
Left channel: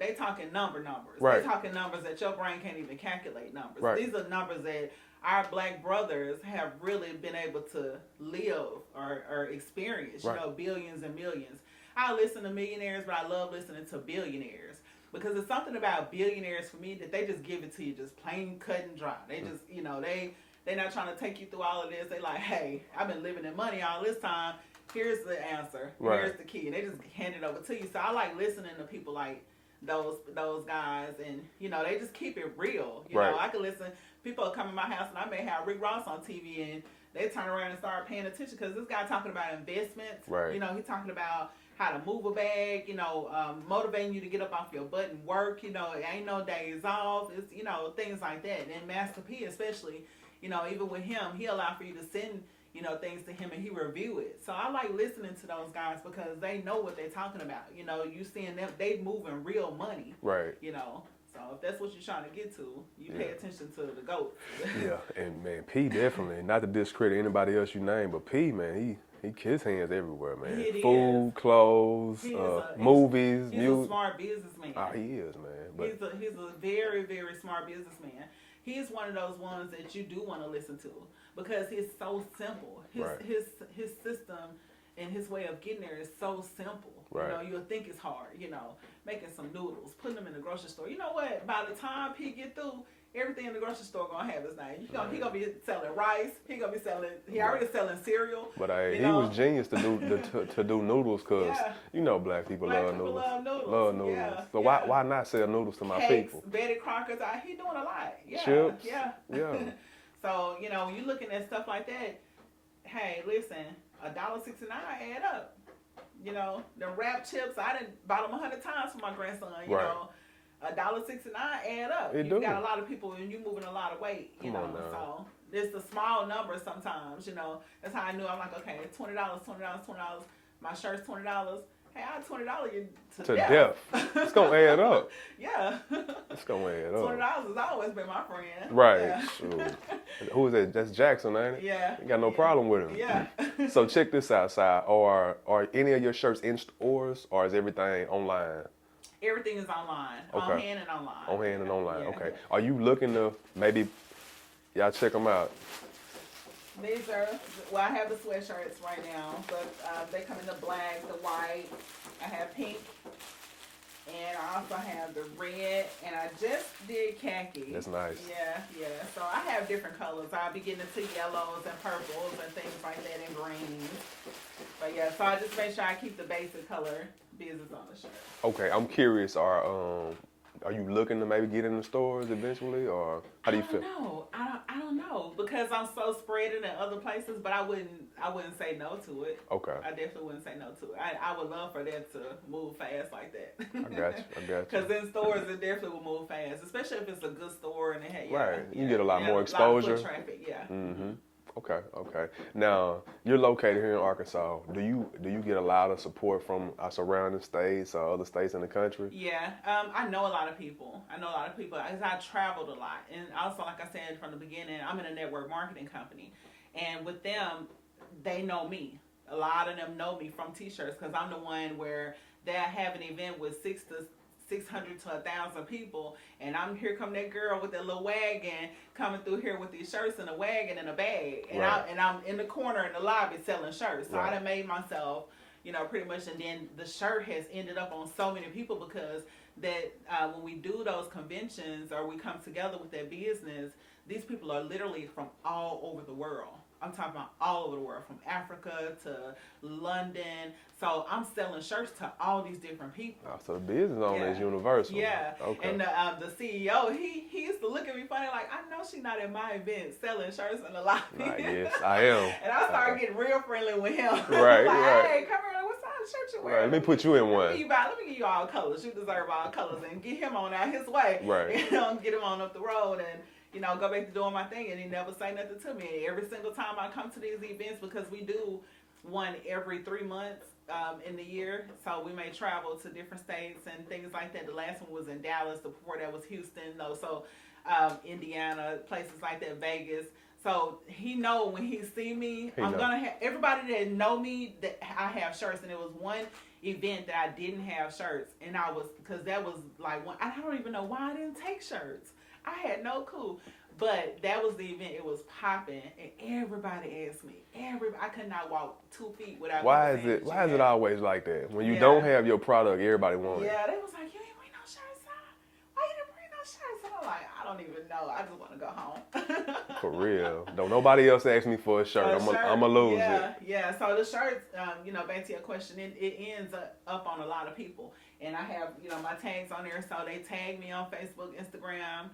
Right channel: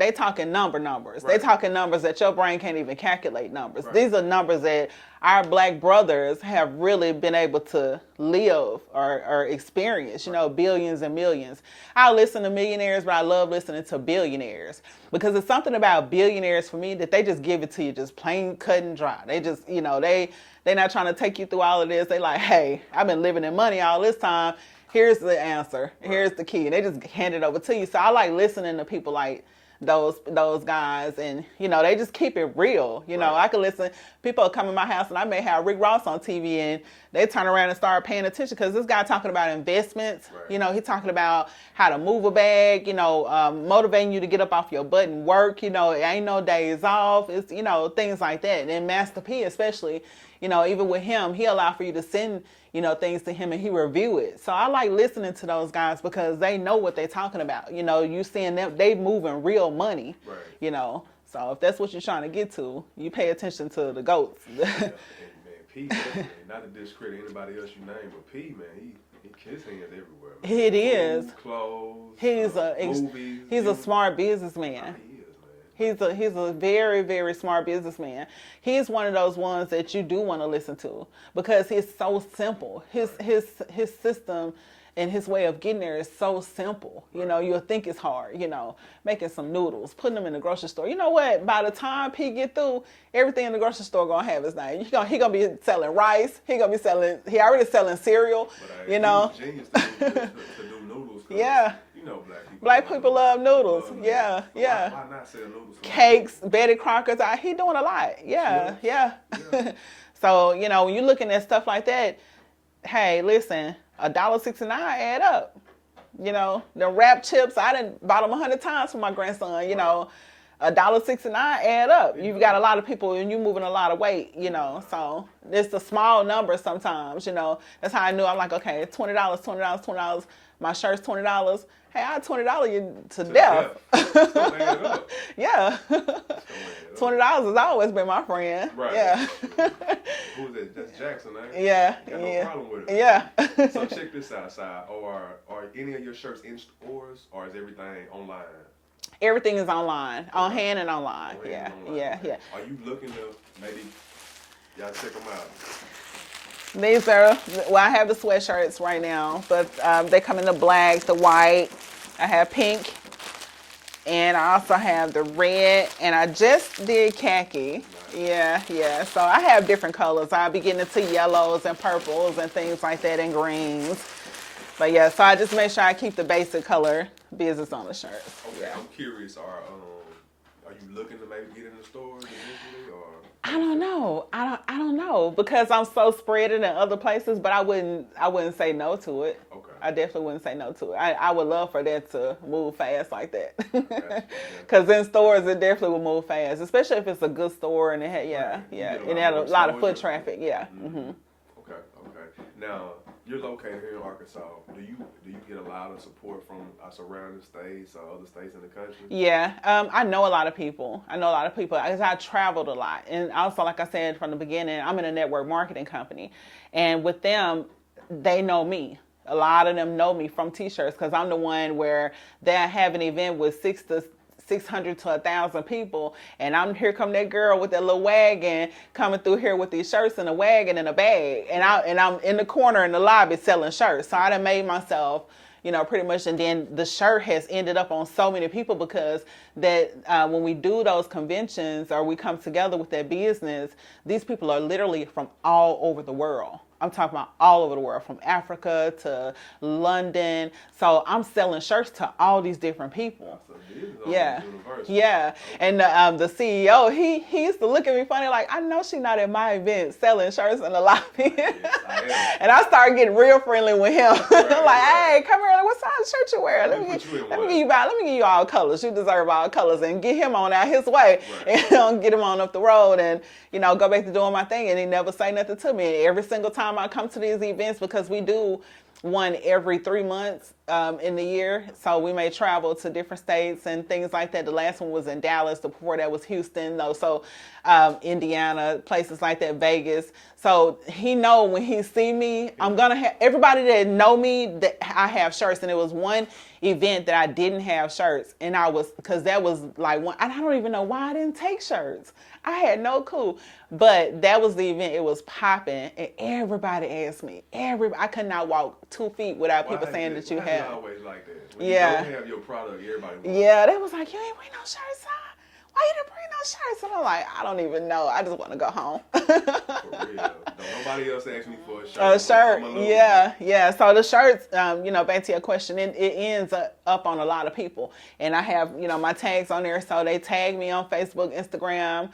numbers. Right. They talking numbers that your brain can't even calculate numbers. Right. These are numbers that our black brothers have really been able to live or experience, you know, billions and millions. I listen to millionaires, but I love listening to billionaires because it's something about billionaires for me that they just give it to you just plain cut and dry. They just, you know, they're not trying to take you through all of this. They like, hey, I've been living in money all this time. Here's the answer. Right. Here's the key. And they just hand it over to you. So I like listening to people like those guys, and you know, they just keep it real. You know, I can listen. People come in my house and I may have Rick Ross on TV and they turn around and start paying attention because this guy talking about investments. Right. You know, he's talking about how to move a bag, you know, motivating you to get up off your butt and work. You know, it ain't no days off. It's, you know, things like that. And Master P especially, you know, even with him, he allow for you to send, you know, things to him and he review it. So I like listening to those guys because they know what they're talking about. You know, you seeing them, they moving real money. Right. You know, so if that's what you're trying to get to, you pay attention to the GOATs. Yeah, and man, P definitely, not to discredit anybody else you name, but P, man, he his hands everywhere, man. It is. Food, clothes, movies. He's a smart businessman. Oh, he is, man. He's a very, very smart businessman. He's one of those ones that you do want to listen to because he's so simple. His system and his way of getting there is so simple. You know, you'll think it's hard, you know, making some noodles, putting them in the grocery store. You know what? By the time P get through, everything in the grocery store gonna have his name. He gonna be selling rice. He already selling cereal. But you know, he was genius to do noodles because you know black people love noodles. Yeah, so yeah. Why not sell noodles to my cakes, people? Betty Crocker's. He doing a lot. Yeah, Chips. yeah. So you know, when you're looking at stuff like that, hey, listen, $1.69 add up. You know, the wrap chips, I done bought them 100 times for my grandson. You know, $1.69 add up. You've got a lot of people and you're moving a lot of weight, you know. So it's the small numbers sometimes, you know. That's how I knew. I'm like, okay, $20. My shirt's $20. Hey, I $20 you to death. It's gonna add up. Yeah. It's gonna add up. $20 has always been my friend. Right. Yeah. Who is that? That's Jackson, ain't it? Yeah. You got no problem with him. Yeah. So check this out, Si. Are any of your shirts in stores or is everything online? Everything is online, on hand and online. On hand and online. Yeah. Okay. Yeah. Are you looking to maybe y'all check them out? These are, well, I have the sweatshirts right now, but they come in the black, the white. I have pink, and I also have the red, and I just did khaki. That's nice. Yeah. So I have different colors. I'll be getting into yellows and purples and things like that, and greens. But yeah, so I just make sure I keep the basic color business on the shirt. Okay, I'm curious. Are you looking to maybe get in the stores eventually, or I don't know. I don't know because I'm so spread it in other places. But I wouldn't say no to it. Okay. I definitely wouldn't say no to it. I would love for that to move fast like that. I got you. Because in stores it definitely will move fast, especially if it's a good store and it had You get a lot of foot traffic. Yeah. Mm-hmm. Okay. Now you're located here in Arkansas. Do you get a lot of support from our surrounding states or other states in the country? Yeah, I know a lot of people. Because I traveled a lot, and also, like I said from the beginning, I'm in a network marketing company, and with them, they know me. A lot of them know me from T-shirts because I'm the one where they have an event with 600 to 1,000 people, and here come that girl with that little wagon coming through here with these shirts in a wagon and a bag, and I'm in the corner in the lobby selling shirts. So I done made myself, you know, pretty much, and then the shirt has ended up on so many people because that when we do those conventions or we come together with that business, these people are literally from all over the world. I'm talking about all over the world, from Africa to London. So I'm selling shirts to all these different people. Oh, so the business owner is universal. Yeah. Okay. And the CEO, he used to look at me funny, like, I know she's not at my event selling shirts in the lobby. Yes, I am. And I started getting real friendly with him. I'm like, hey, come here, what size shirt you wearing? Let me put you in one. Let me give you all colors. You deserve all colors, and get him on out his way. Right. And get him on up the road, and go back to doing my thing. And he never say nothing to me. And every single time I come to these events, because we do one every 3 months in the year, so we may travel to different states and things like that. The last one was in Dallas. The before that was Houston, though. So Indiana, places like that, Vegas. So he know when he see me, I'm gonna have everybody that know me that I have shirts. And it was one event that I didn't have shirts, and because that was like one. I don't even know why I didn't take shirts. I had no clue, but that was the event. It was popping, and everybody asked me. I could not walk 2 feet without people saying that you had. Why is it always like that? When you don't have your product, everybody wants. Yeah, they was like, you ain't bring no shirts, huh? Why you didn't bring no shirts? And I'm like, I don't even know. I just want to go home. For real. Don't nobody else ask me for a shirt. I'm a loser. Yeah. So the shirts, back to your question, it ends up on a lot of people. And I have, my tags on there. So they tag me on Facebook, Instagram.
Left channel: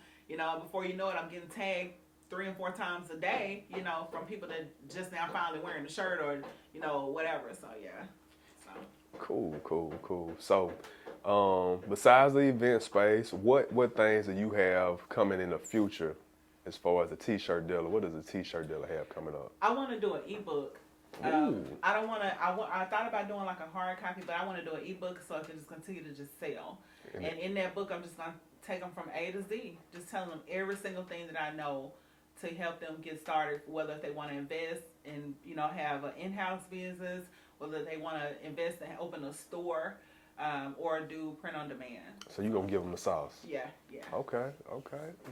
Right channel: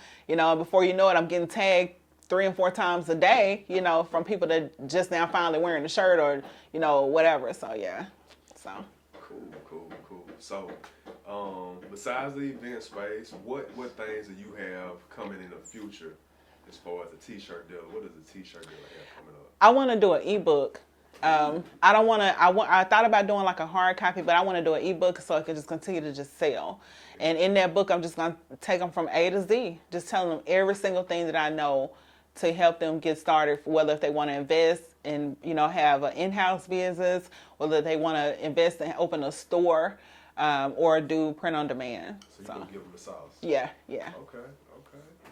Before you know it, I'm getting tagged 3 and 4 times a day, from people that just now finally wearing the shirt or, whatever. So, yeah. So. Cool. So, besides the event space, what things do you have coming in the future as far as a T-shirt dealer? What does a T-shirt dealer have coming up? I want to do an ebook. I don't want to. I thought about doing like a hard copy, but I want to do an ebook so I can just continue to just sell. And in that book, I'm just gonna take them from A to Z, just telling them every single thing that I know to help them get started. Whether if they want to invest and have an in-house business, whether they want to invest and open a store, or do print on demand. So you're going to give them the sauce? Yeah. Okay.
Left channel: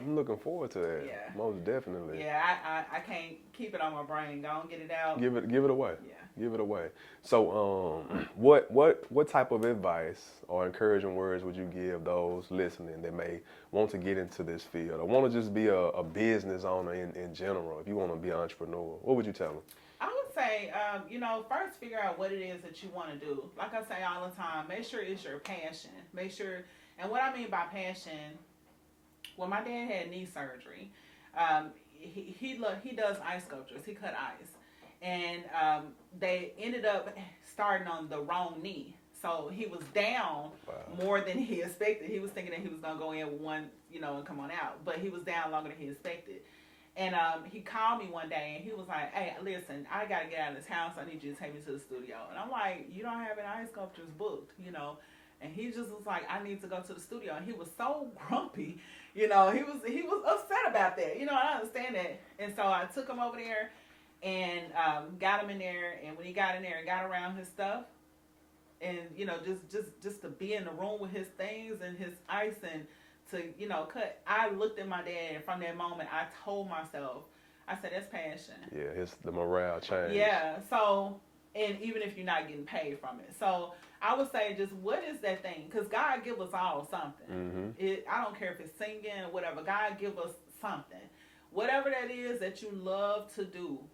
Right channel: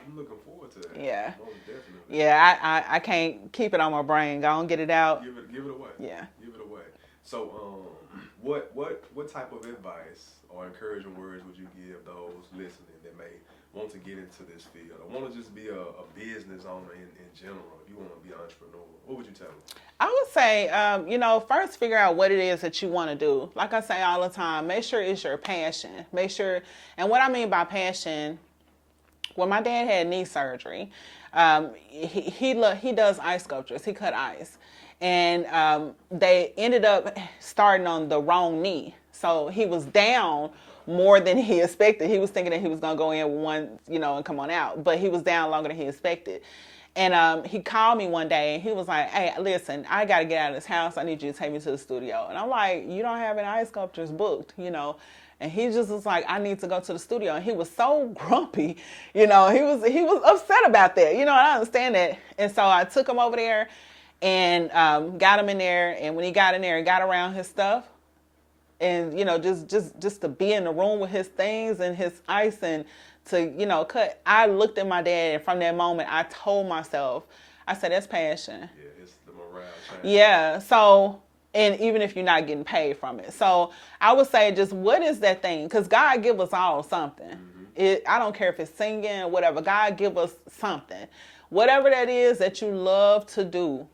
I'm looking forward to that. Yeah. Most definitely. Yeah, I can't keep it on my brain. Go and get it out. Give it away. Yeah. Give it away. So what type of advice or encouraging words would you give those listening that may want to get into this field or want to just be a business owner in general? If you want to be an entrepreneur, what would you tell them? I would say, first figure out what it is that you want to do. Like I say all the time, make sure it's your passion. And what I mean by passion, when my dad had knee surgery, he does ice sculptures. He cut ice. And they ended up starting on the wrong knee. So he was down more than he expected. He was thinking that he was going to go in with one, and come on out. But he was down longer than he expected. And he called me one day and he was like, hey, listen, I got to get out of this house. I need you to take me to the studio. And I'm like, you don't have any ice sculptures booked, And he just was like, I need to go to the studio. And he was so grumpy, he was upset about that, and I understand that. And so I took him over there and got him in there. And when he got in there and got around his stuff and, just to be in the room with his things and his ice and to, cut, I looked at my dad, and from that moment, I told myself, I said, that's passion. Yeah, it's the morale change. Yeah, so, and even if you're not getting paid from it. So I would say just what is that thing? Because God give us all something. Mm-hmm. I don't care if it's singing or whatever. God give us something. Whatever that is that you love to do,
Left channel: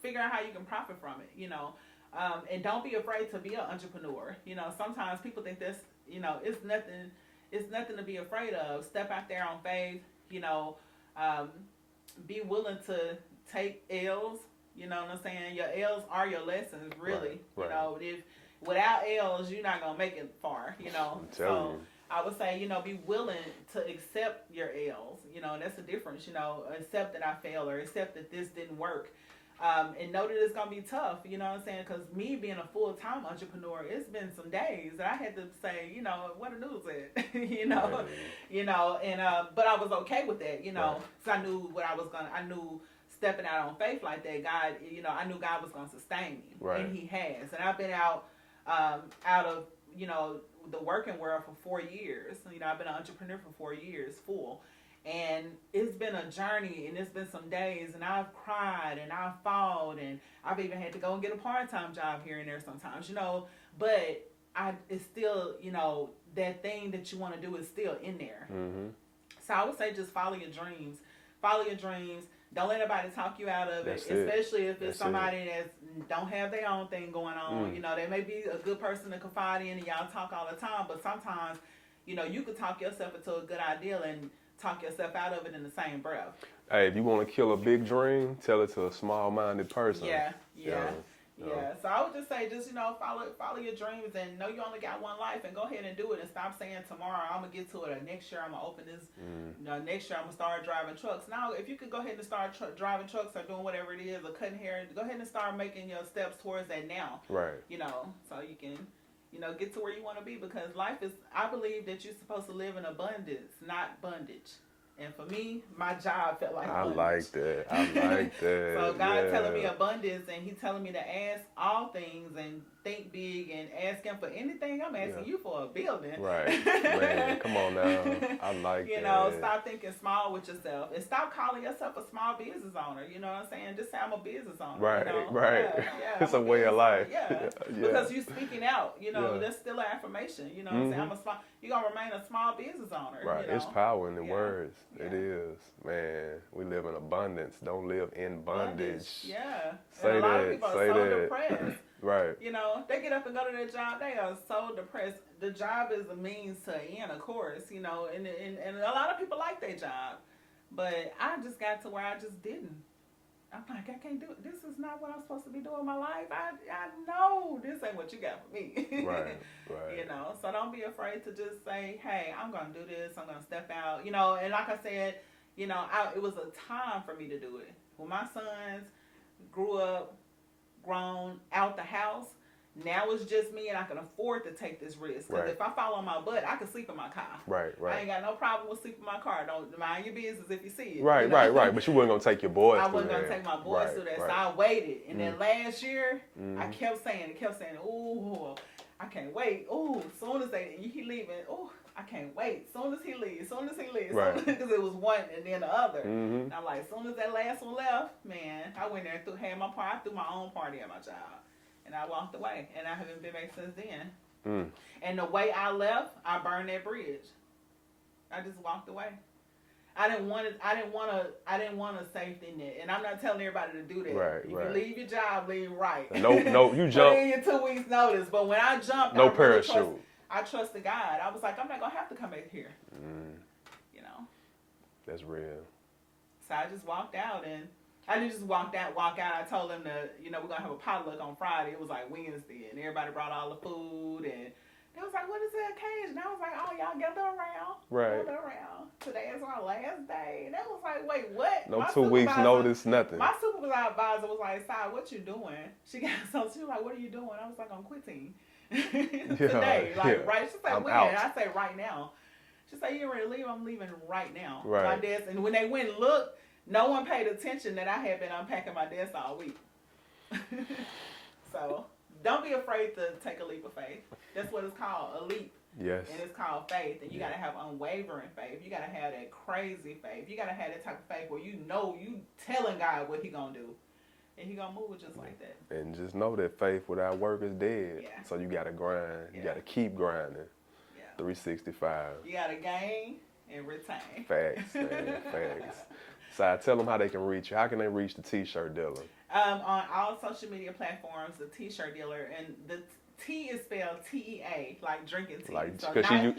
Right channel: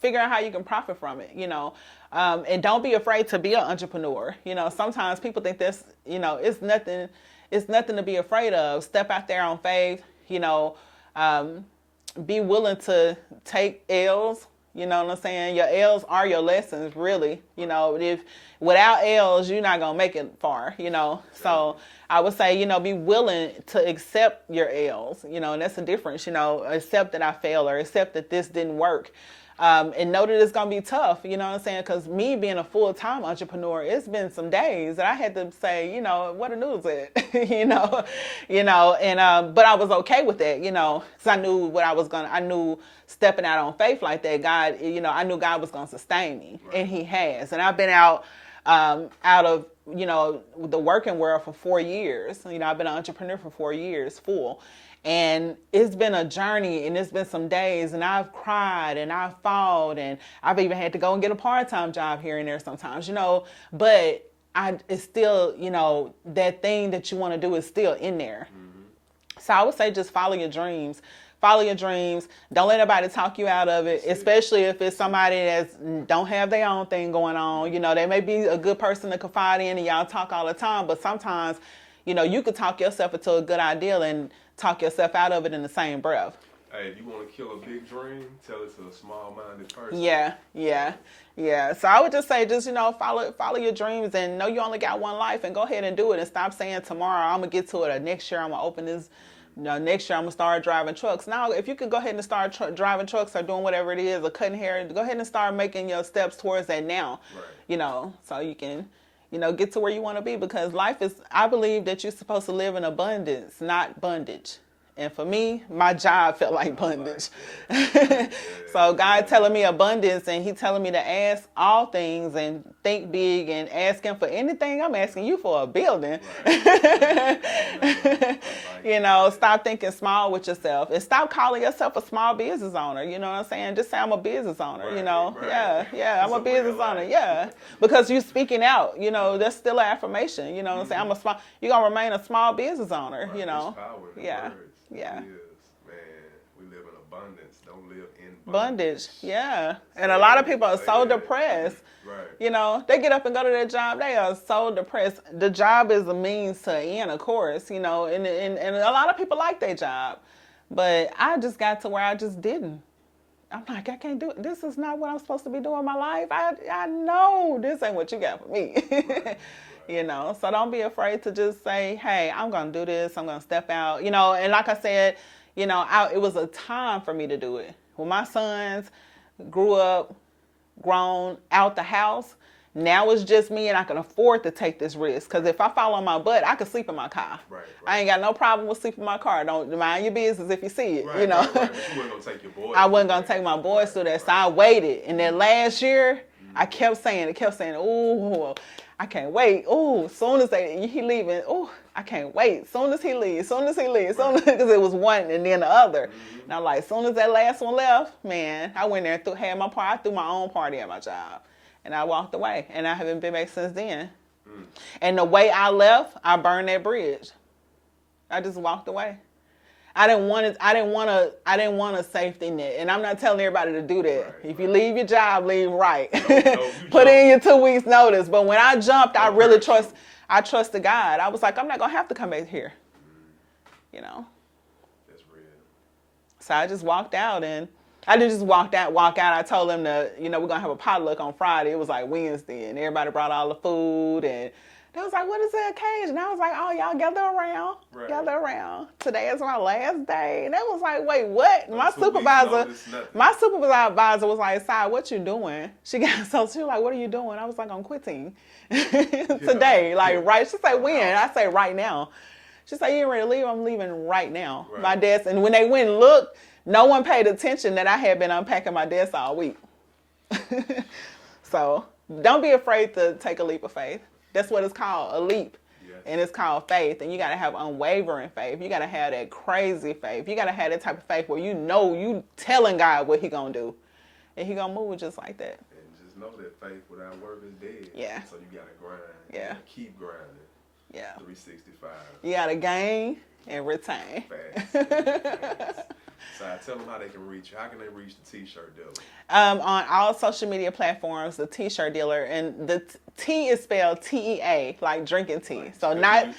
figure out how you can profit from it, and don't be afraid to be an entrepreneur. Sometimes people think this, it's nothing to be afraid of. Step out there on faith, be willing to take L's, you know what I'm saying? Your L's are your lessons, really. Right. If without L's, you're not going to make it far, So I would say, be willing to accept your L's, and that's the difference, accept that I failed or accept that this didn't work. And know that it's going to be tough, you know what I'm saying? Because me being a full-time entrepreneur, it's been some days that I had to say, what the news is, but I was okay with that, because I knew I knew stepping out on faith like that, God, I knew God was going to sustain me, right. And he has. And I've been out of, the working world for 4 years. I've been an entrepreneur for 4 years, full. And it's been a journey, and it's been some days, and I've cried, and I've fought, and I've even had to go and get a part-time job here and there sometimes, but it's still, that thing that you want to do is still in there. Mm-hmm. So I would say just follow your dreams. Follow your dreams. Don't let anybody talk you out of it, especially if it's somebody that don't have their own thing going on. You know, they may be a good person to confide in and y'all talk all the time, but sometimes, you know, you could talk yourself into a good idea and talk yourself out of it in the same breath. Hey, if you want to kill a big dream, tell it to a small-minded person. Yeah. So I would just say, just, you know, follow your dreams and know you only got one life and go ahead and do it and stop saying tomorrow I'm going to get to it or next year I'm going to open this. No, next year I'm going to start driving trucks. Now, if you could go ahead and start driving trucks or doing whatever it is or cutting hair, go ahead and start making your steps towards that now. Right. You know, so you can, you know, get to where you want to be because life is, I believe that you're supposed to live in abundance, not bondage. And for me, my job felt like bondage. I like that. So God telling me abundance and he telling me to ask all things and think big and ask him for anything. I'm asking you for a building. Right. Man, come on now. I like you know, stop thinking small with yourself and stop calling yourself a small business owner. You know what I'm saying? Just say I'm a business owner, right, you know? Right. Yeah, I'm a business owner. Yeah. Because you're speaking out, you know, that's still an affirmation. You know what I'm saying? You're going to remain a small business owner, right. you know? There's power in the words. Yeah. It is. Man, we live in abundance. Don't live in bondage. Yeah. And a lot of people are so depressed. Right. You know, they get up and go to their job. They are so depressed. The job is a means to an end, of course, you know, and a lot of people like their job. But I just got to where I just didn't. I'm like, I can't do it. This is not what I'm supposed to be doing in my life. I know this ain't what you got for me. Right. You know, so don't be afraid to just say, hey, I'm going to do this. I'm going to step out. You know, and like I said, you know, it was a time for me to do it. When my sons grew up, grown, out the house, now it's just me and I can afford to take this risk. Because if I fall on my butt, I could sleep in my car. Right. I ain't got no problem with sleeping in my car. Don't mind your business if you see it. Right, you know? right. But you weren't going to take your boys. I wasn't going to take my boys through that. So I waited. And then last year, I kept saying, ooh, I can't wait. Ooh, soon as he leaving, ooh, I can't wait. Soon as he leaves, because it was one and then the other. And I'm like, soon as that last one left, man, I went there and had my party. I threw my own party at my job. And I walked away. And I haven't been back since then. And the way I left, I burned that bridge. I just walked away. I didn't want a safety net. And I'm not telling everybody to do that. If you leave your job, leave right. No, you Put in your 2 weeks notice. But when I jumped, I really trusted God. I was like, I'm not going to have to come back here. You know? That's real. So I just walked out and I didn't just walk out. I told them that, you know, we're going to have a potluck on Friday. It was like Wednesday and everybody brought all the food and they was like, what is the occasion? I was like, oh, y'all gather around. Right. Gather around. Today is my last day. And they was like, wait, what? No my 2 weeks notice, nothing. My supervisor was like, Sai, what you doing? She was like, what are you doing? I was like, I'm quitting today. Right. She said, when? I say, right now. She said, you ain't ready to leave? I'm leaving right now. Right. My desk. And when they went and looked, no one paid attention that I had been unpacking my desk all week. So don't be afraid to take a leap of faith. That's what it's called, a leap. Yes. And it's called faith. And you got to have unwavering faith. You got to have that crazy faith. You got to have that type of faith where you know you telling God what he going to do. And he going to move just like that. And just know that faith without work is dead. Yeah. So you got to grind. Yeah. You got to keep grinding. Yeah. 365. You got to gain and retain. Facts. Facts. So tell them how they can reach you. How can they reach the T-shirt dealer? On all social media platforms, the T-shirt dealer, and the T is spelled T-E-A, like drinking tea. Like, so not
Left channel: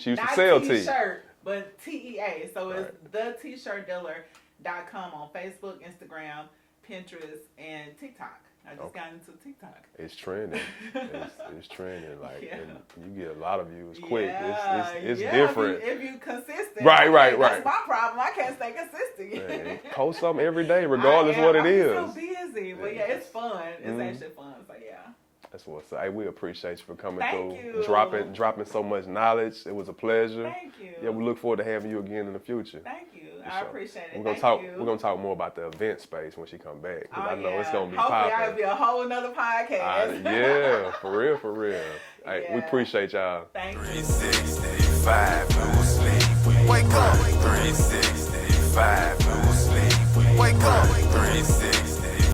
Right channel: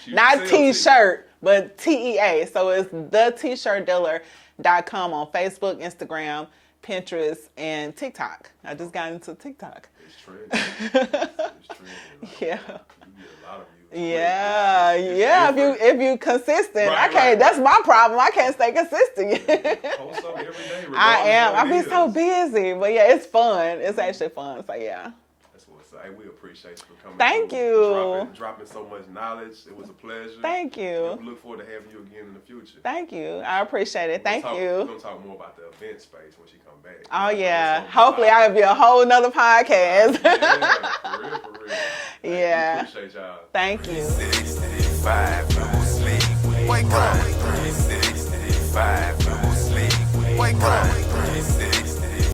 T-shirt, but T-E-A. So it's TheT-shirtDealer.com on Facebook, Instagram, Pinterest, and TikTok. I just got into TikTok. It's trending. It's trending. Like, yeah. You get a lot of views. Yeah, it's yeah. different. If you consistent, right. That's my problem. I can't stay consistent. Yeah, post something every day, regardless of what it is. I've been so busy, but yeah, it's fun. It's actually fun. So yeah. That's what's up. We appreciate you for coming. Thank you. Dropping so much knowledge. It was a pleasure. Thank you. Yeah, we look forward to having you again in the future. Thank you. I appreciate it. Thank you. We're gonna talk more about the event space when she come back. Oh yeah. Hopefully I'll be a whole nother podcast. Yeah, for real. Yeah. We appreciate y'all. Thank you. 365, no sleep. Wake up.